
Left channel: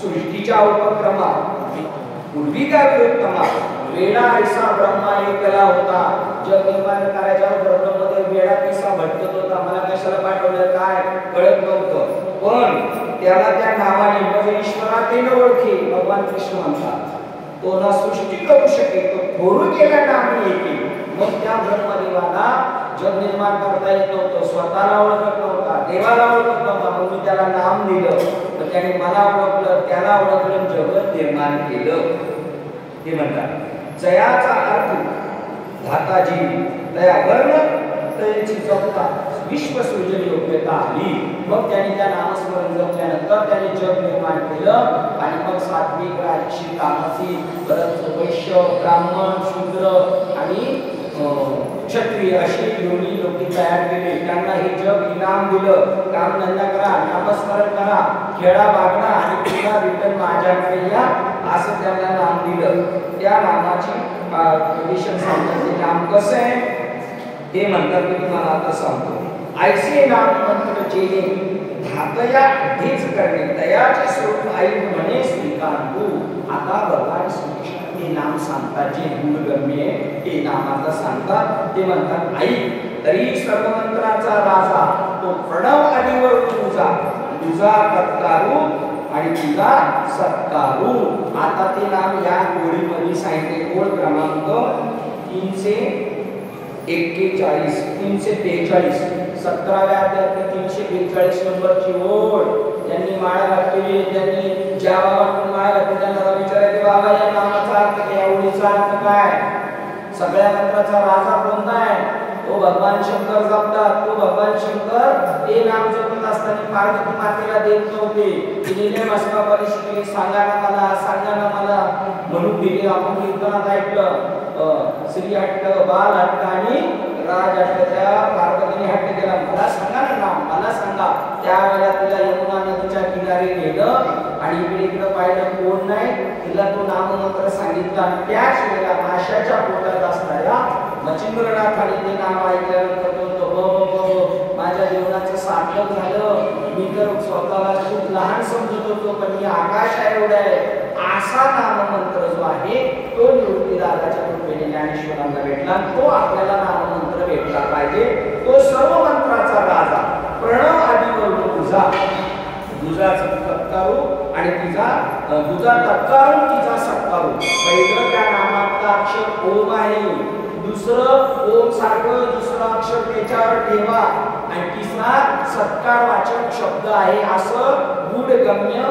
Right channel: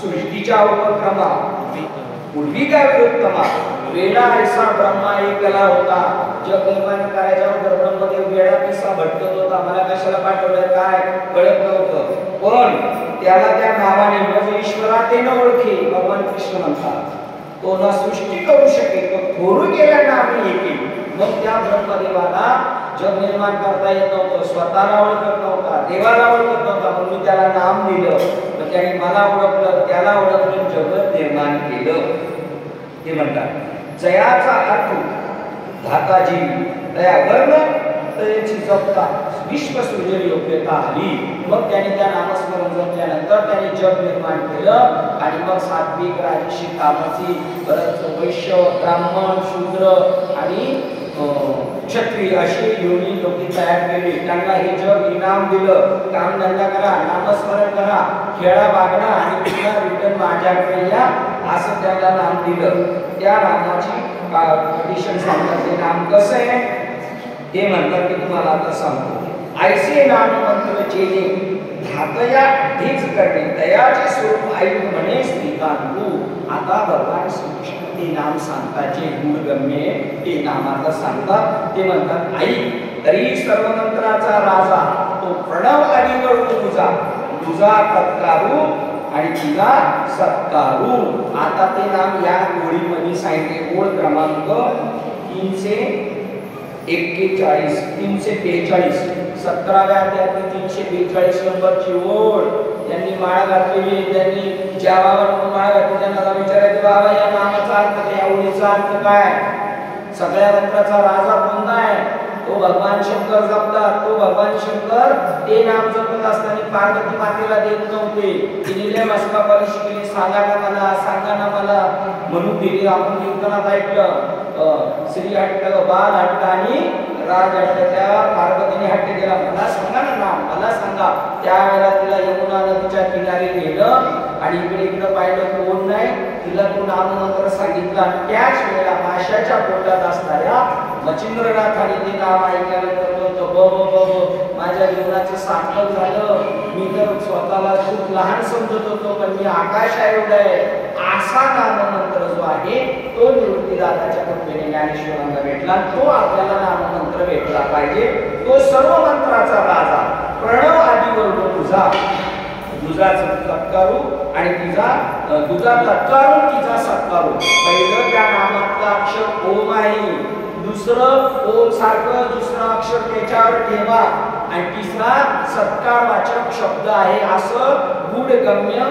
सृष्टीच्या उपक्रमा पूर्वी काय विरुद्धमा वेडा ऐसा ब्रह्मा एकला होता. जग निर्माण करायचा ब्रह्मदेव वेडा पिसा भटकत होता, मला कशाला पाठवलं काय कळत नव्हतं. पण त्याला त्या नावाने म्हणजे ईश्वरातेन ओळखे. भगवान कृष्ण म्हणतात, तो ना सृष्टी करू शके, तो थोरू गेला नामी एके. मग त्या ब्रह्मदेवाला जग निर्माण करता येत नव्हतं, स्वतःला ओळखत नव्हता, देवाला ओळखत नव्हता. मग मी त्याला नाम दिलं, पण त्याने मला ओळखलं, त्याला ओळखलं, जगत निर्माण केलं. ते म्हणतात जयाचा अर्थ धाताजी तया वर्ण तयाची जपता विश्वसृजन योग्यता आली. मग त्याने त्या नामस्मरण जपल्यानंतर त्याने जग निर्माण केलं. आणि मग सात्विक राजसी तामसी परत वैश्य ब्राह्मण शूद्र आणि क्षत्रिय अशी योनी लोक तयार केली. त्यांना हे जग इनाम दिलं, कामधंदा करा, नामस्मरण करा, खेळा बागणा आणि पुन्हा रिटर्न माझ्याकडे या, असं त्यांना नाम दिलं. त्या नामाची कंडिशन सांगतात. ते नाम कसं आहे ते म्हणतात मी तुम्हाला आता सांगतो. ऐसे नाम मंत्र जेणे धातया ढीच करणे दयाचे स्वरूप ऐक म्हणे श्रीकांतू. आता भगवान श्रीकृष्ण ते नाम सांगतात, जे गुणगम्य ते नामाचं सांगतात. ते म्हणतात ऐक तरी सर्व मंत्राचा राजा तो प्रणव आदीवर तुझा तुझा तत्कारू आणि तुझा सत्कारू. आता ते नाम या गोळीमध्ये सांगितले. ओळ क्रमांक 341 343 17व्या अध्यायात 342 नंबरची ओळ त्यांनी माळा घातलेली. त्यांनी ज्या बाबांकडून माळा घातली त्यांना विचारायचे, बाबा या नामाचा अर्थ काय, या ओळीचा अर्थ काय? सगळ्या मंत्राचा राजा कोणता आहे? तो भगवान शंकर जपतात. तो भगवान शंकर ते नाम जपत असताना पार्वती मातेला देत नव्हते. तिने मस्का पॉलिश केली, सांगा ना मला, सांगा ना मला म्हणून दिली. आपण कीर्तनात ऐकलं श्री हट्ट, बाल हट्ट आणि राज हट्ट. त्या पार्वतीने हट्ट केला, मला सांगा ना नाम, मला सांगा. त्यावेळेला तिला यमुना नदीच्या किनारी नेलं आणि इकडे पाहिलं कोण नाही. तिला तो नाम मंत्र सांगितला. त्याच वेळेला माशाच्या पोटात असणाऱ्या मच्छिंद्रनाथाने ते नाम ऐकल्यानंतर बोलतो, ब माझ्या जीवनाचं सार्थक झालं. मी तर स्वतःला खूप लहान समजत होतो, पण मी आकाशा एवढा आहे. असा नाममंत्र जो आहे तो निवृत्तीदादाच्या कृपेने ज्ञानेश्वरांना भेटला. तो आपल्याला नाममंत्र भेटला पाहिजे. तो सर्व मंत्राचा राजा, प्रणव आदी वर्ग तुझा, दुधाचा तत्कारू आणि तिचा दुधा तत्कारून तिचा सत्कारू. पहिलं त्या नामातलं अक्षर ओम आहे, दुसरं ओम सारखं दुसरं अक्षर त्याच्यावर ठेवा आणि तिसरा सत्कारवाचक शब्द आहे. असं गूढगम्य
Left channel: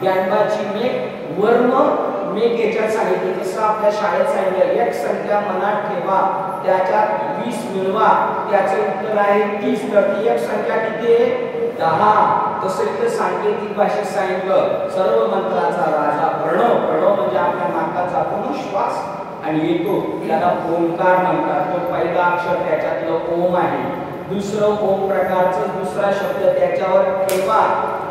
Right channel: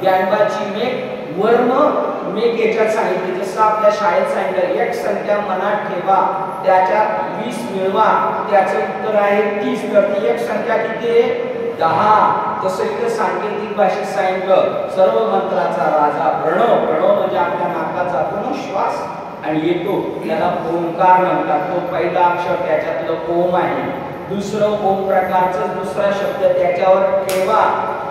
ज्ञानबाची मेघ वर्म मेघ याच्यात सांगितले. जसं आपल्या शाळेत सांगितलं, एक संख्या मनात ठेवा, त्याच्यात 20 मिळवा, त्याचं उत्तर आहे 30. तर ती एक संख्या किती आहे? 10. तसं इथं सांकेतिक भाषेत सांगितलं, सर्व मंत्राचा राजा प्रणव. प्रणव म्हणजे आपल्या नाकात जातो ना श्वास आणि येतो, त्याला ओंकार म्हणतात. तो पहिला अक्षर त्याच्यातलं ओम आहे, दुसरं ओम प्रकारचं दुसरा शब्द त्याच्यावर ठेवा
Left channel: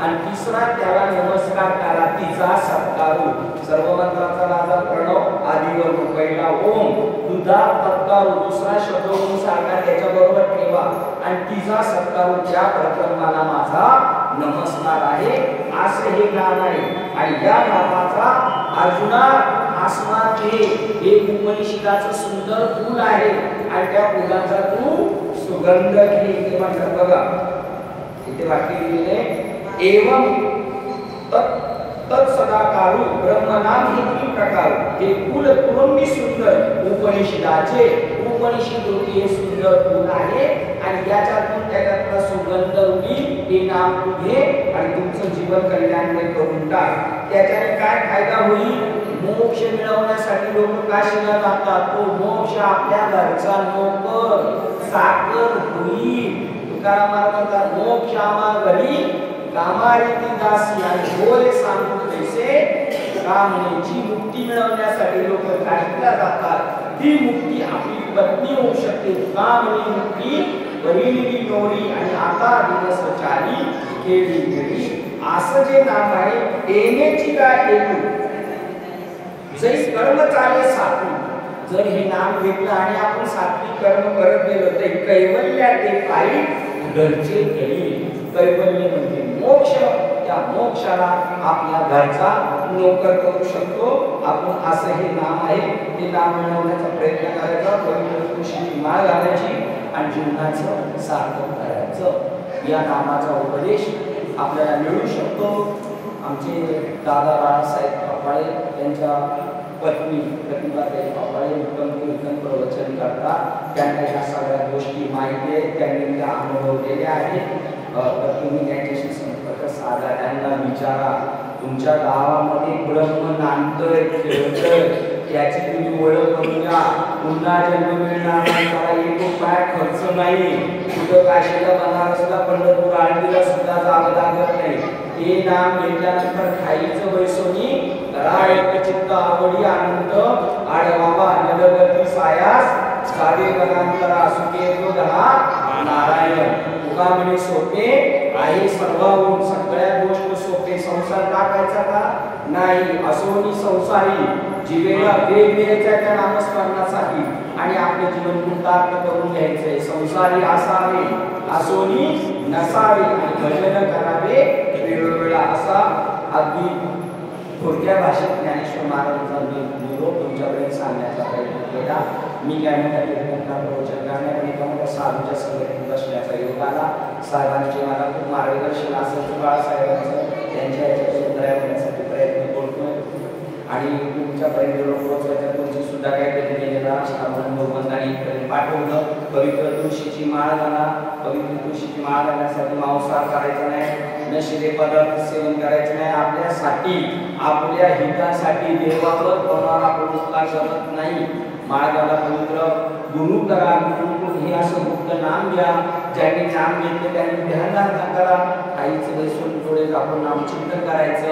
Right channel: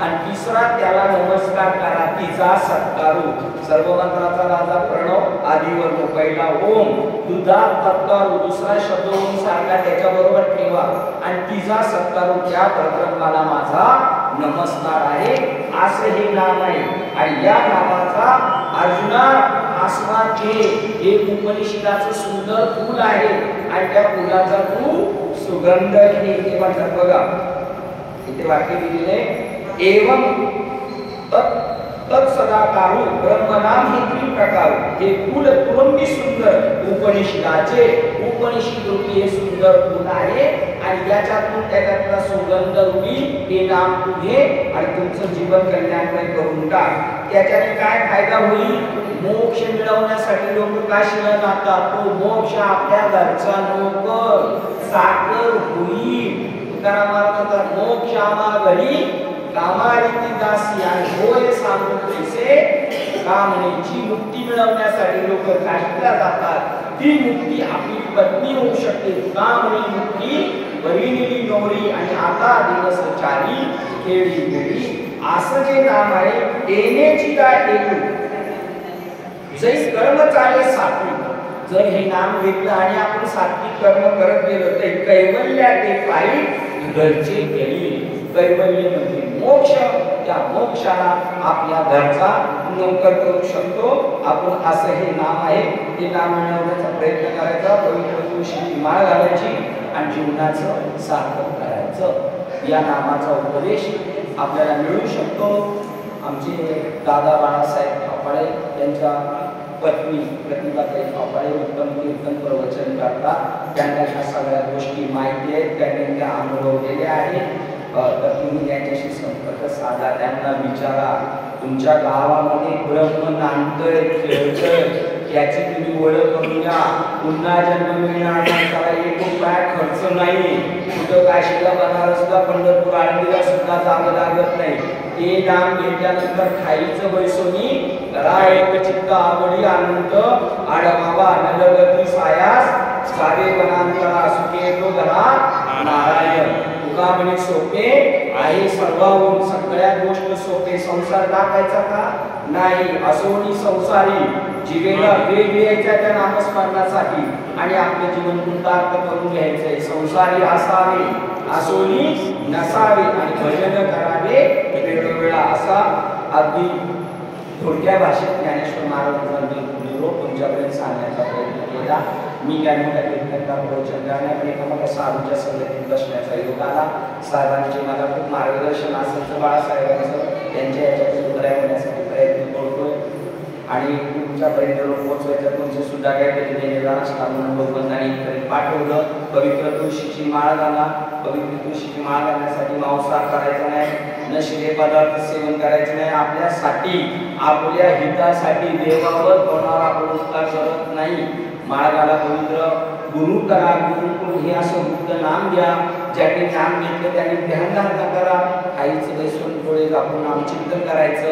आणि तिसरा त्याला नमस्कार करा, तिचा सत्कारू. सर्व मंत्राचा राजा प्रणव आदिवर पहिला ओम, दुधा तत्कारू दुसरा शब्द ओम सारखा त्याच्याबरोबर ठेवा आणि तिचा सत्कारू. त्या परब्रह्माला माझा नमस्कार आहे, असं हे नाम आहे. आणि या नामाचा अर्जुना आसमाचे हे उपनिषदाचं सुंदर फूल आहे आणि त्या फुलाचा तू सुगंध घे. ते म्हणतात बघा, इथे वाक्य दिलेले, एवं तत्सदाकारू ब्रह्मनाम हे त्रिप्रकार. हे फूल कुरंबी सुंदर उपनिषदाचे उपनिषद रूपी हे सुंदर फूल आहे आणि याच्यातून त्याच्यातला सुगंध रूपी हे नाम तू घे आणि तुमचं जीवन कल्याणमय करून टाक. त्याच्याने काय फायदा होईल? मोक्ष मिळवण्यासाठी लोक काशीला जातात. तो मोक्ष आपल्या घरचा नोकर साकर होईल. तुकाराम म्हणतात, मोक्ष आम्हा घरी कामारीती दासी आणि होय सांगून तैसे कामनेची मुक्ती मिळवण्यासाठी लोक काशीला जातात. ती मुक्ती आपली पत्नी होऊ शकते. कामनी मुक्ती वरिणीली नोरी आणि आता दिवस चाली खेळी खेळी. असं जे नाम आहे, येण्याची काय एकू जै कर्म चाले सात्विक. जर हे नाम घेतलं आणि आपण सात्विक कर्म करत गेलो तर कैवल्यात ते काही घरचे घरी. कैवल्य म्हणजे मोक्ष. त्या मोक्षाला आपल्या घरचा नोकर करू शकतो आपण. असं हे नाम आहे. हे नाम मिळवण्याचा प्रयत्न करायचा, पवित्र तुळशीची माळ घालायची आणि जीवनाचं सार्थक करायचं. या नामाचा उपदेश आपल्याला मिळू शकतो. आमचे दादा बाळासाहेब थापाळे यांच्या पत्नी प्रतिभाताई थापाळे उत्तम प्रवचन करतात. त्यांना ह्या सगळ्या गोष्टी माहिती आहेत, त्यांनी त्या अनुभवलेल्या आहेत. तर तुम्ही त्यांच्याशी संपर्क साधा, त्यांना विचारा. तुमच्या गावामध्ये ब्रह्म नांदतय खेळतय, त्याची तुम्ही ओळख करून घ्या. पुन्हा जन्म मिळणार नाही, एक रुपया खर्च नाही. कुठं काशीला बनारसला पंढरपूर आळंदीला सुद्धा जावं लागत नाही. हे नाम घेतल्यानंतर खाईचं बैसोनी करा एक चित्त आवडी आनंद आडवावा नगवती सायास साधे गणांतरा सुखे तो घरा नारायण. तुका म्हणे सोपे आहे सर्वाहून, सगळ्या गोष्ट सोपे. संसार टाकायचा का नाही, असोनी संसारी जीवेला वेग द्यायचा त्या नामस्मरणासाठी आणि आपले जीवन कृतार्थ करून घ्यायचंय. संसारी असावे असोनी नसावे आणि भजन करावे वेळोवेळा. असा अगदी थोडक्या भाषेत ज्ञानेश्वर महाराजांनी निरोप तुमच्यापर्यंत सांगण्याचा प्रयत्न केला. मी काय म्हणता कीर्तनकार प्रवचन करण्याकडे एका मोठ्या साधूच्या संगतीत बसण्याचा योग आला. साहेबांचे मला खूप मार्गदर्शन असायचं, बाळासाहेबांचं. त्यांच्या याच्यात उतराय होण्यासाठी प्रयत्न करतोय आणि तुमच्यापर्यंत पोहोचवायचं. तुमचं सुद्धा काहीतरी पाठवलं. पवित्र तुळशीची माळ घाला. पवित्र तुळशीची माळ घालण्यासाठी मांसाहार करायचा नाही, नशिले पदार्थ सेवन करायचे नाही, आपल्यासाठी आपल्या हितासाठी देवावर कोणावर आपण उपकार करत नाही। माळ घाला, पवित्र गुरु करा, गुरुकुल हे असं मुक्त नाम घ्या, ज्यांनी नाम घेतले त्यांनी ध्यान धारणा करा, काहीच बसून थोडे आपण नामचिंतन करायचं,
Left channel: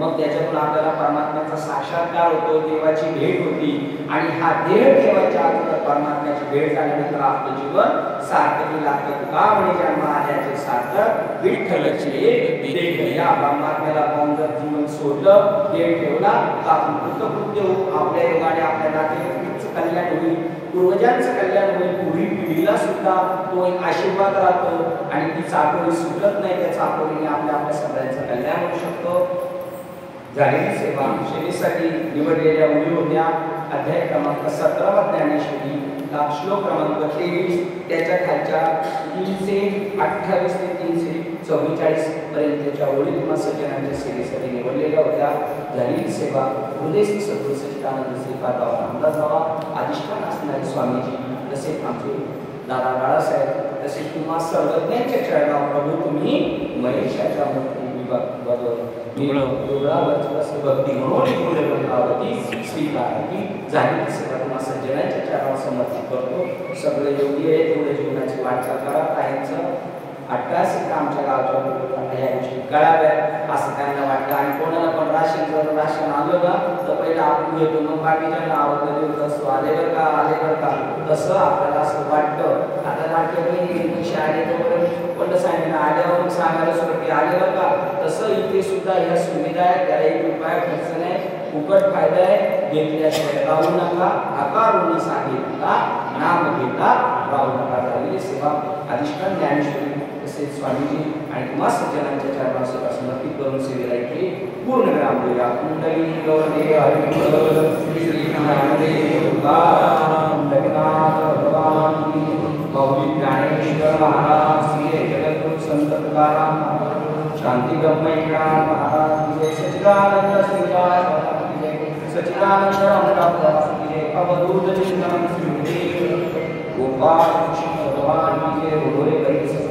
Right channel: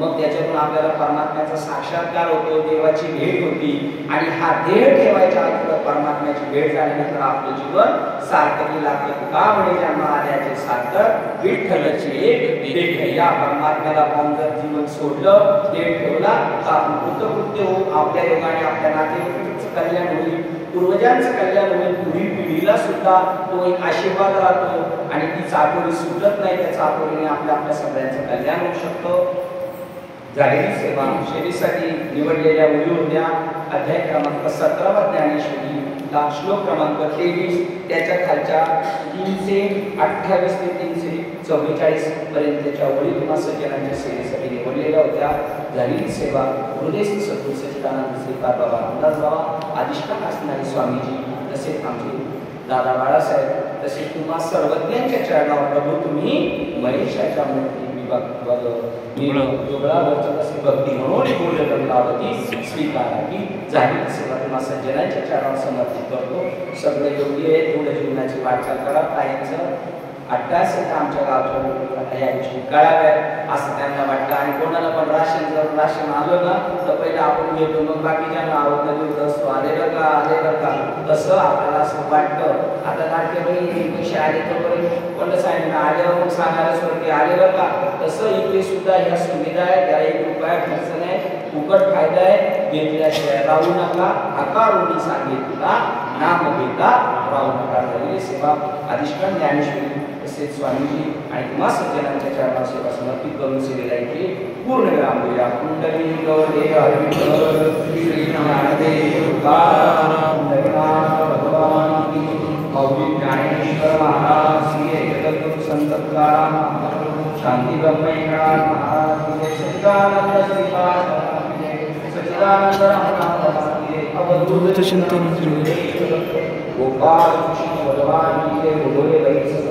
मग त्याच्यातून आपल्याला परमात्म्याचा साक्षात्कार होतो, देवाची भेट होती आणि हा देह ठेवायच्या अगोदर परमात्म्याची भेट झाल्यानंतर आपलं जीवन सार्थकी लागतं। का म्हणे जन्म आल्याचे सार्थक विठ्ठलाचे देह, या परमात्म्याला पाहून जर जीवन सोडलं, देह ठेवला तर आपण कृतकृत्य होऊ, आपल्या योगाने आपल्या नातेवाईकांचं कल्याण होईल, पूर्वजांचं कल्याण होईल, पुढील पिढीला सुद्धा तो एक आशीर्वाद राहतो आणि ती चाकोरी सुटत नाही, त्या चाकोरीने आपल्या सगळ्यांचं कल्याण होऊ शकतो। झालेली सेवा सेवेसाठी निवडलेल्या मुली होत्या। अध्याय क्रमांक 17 ज्ञानेश्वरी, श्लोक क्रमांक 23, त्याच्या खालच्या 328 ते 344 पर्यंतच्या ओळी तुम्हा सज्जनांच्या सेवेसाठी निवडलेल्या होत्या। झालेली सेवा हृदयस्थ सद्गुरू सच्चिदानंद श्रीपाद बाबा रामदास बाबा, अधिष्ठान असणारे स्वामीजी, तसेच आमचे दादा बाळासाहेब, तसेच तुम्हा सर्वज्ञांच्या चरणावर प्रभू तुम्ही महेशाच्या मूर्ती भक्ती म्हणून बोलती स्वीकारावी। झालेली सेवा तुम्हा सज्जनांच्या चरणावर समर्पित करतो। सगळे योग्य आहे तेवढं जीवनाची वाटचाल करा, कायमचं अट्टास आमच्या गावच्या ह्या गोष्टी कळाव्यात असं त्यांना वाटतं। आणि कोणाला पण राशन आलं ना तर पहिलं आपण घेतो, मग बाकीच्या आवडलं देऊ असतो, आले बरं का आले बरं का, तसं आपल्याला असं वाटतं। आता लाडके बहीण पैसे आले तर बरे, पण सांगितलं आल्यावर मग सांगायला सुरू की आले बरं का, तसं इथे सुद्धा ह्या सुविधा आहे, त्याला 1 रुपया खर्च नाही, फुकट फायदा आहे, घेतल्याशिवाय राहू नका, आकारुणी सांगितला नाम घेता राहू नका। झालेली सेवा अधिष्ठान ज्ञानेश्वरी तसेच स्वामीजी आणि तुम्हा सज्जनांच्या चरणावर सेवा समर्पित करून सेवेला इथे पूर्ण विराम देऊया। कुंडली गौरी हरिमंगल श्री नारायण देव कुंडलीनाथ भगवान की, मौली ज्ञानेश्वर महाराज, श्री जगद्गुरु संत तुकाराम महाराज, शांती ब्रह्मेश्वरान महाराज की, सच्चिदानंद श्रीपाद सच्चिदानंद रामदास की, अवधूत चिंतन गोपाल कृष्ण भगवान की, रोले गणेश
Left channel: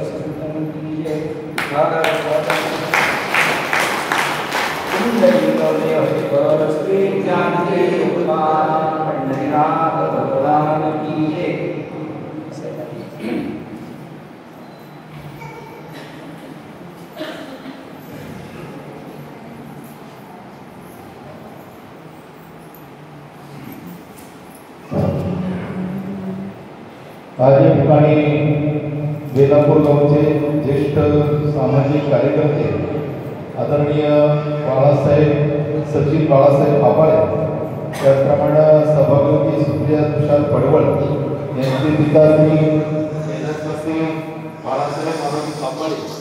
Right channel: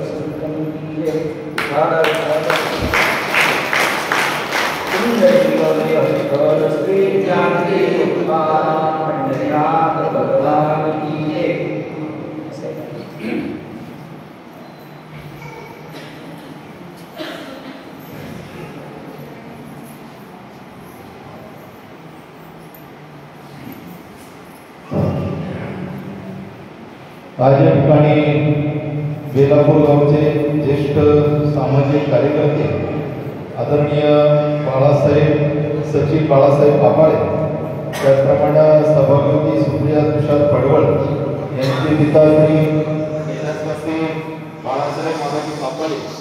आज या ठिकाणी बेलापूर गावचे ज्येष्ठ सामाजिक कार्यकर्ते आदरणीय बाळासाहेब सचिन बाळासाहेब आपाळे, त्याचप्रमाणे सभापती सुप्रिया तुषार पडवळ यांचे पिता श्री कैलासवासी बाळासाहेब आपाळे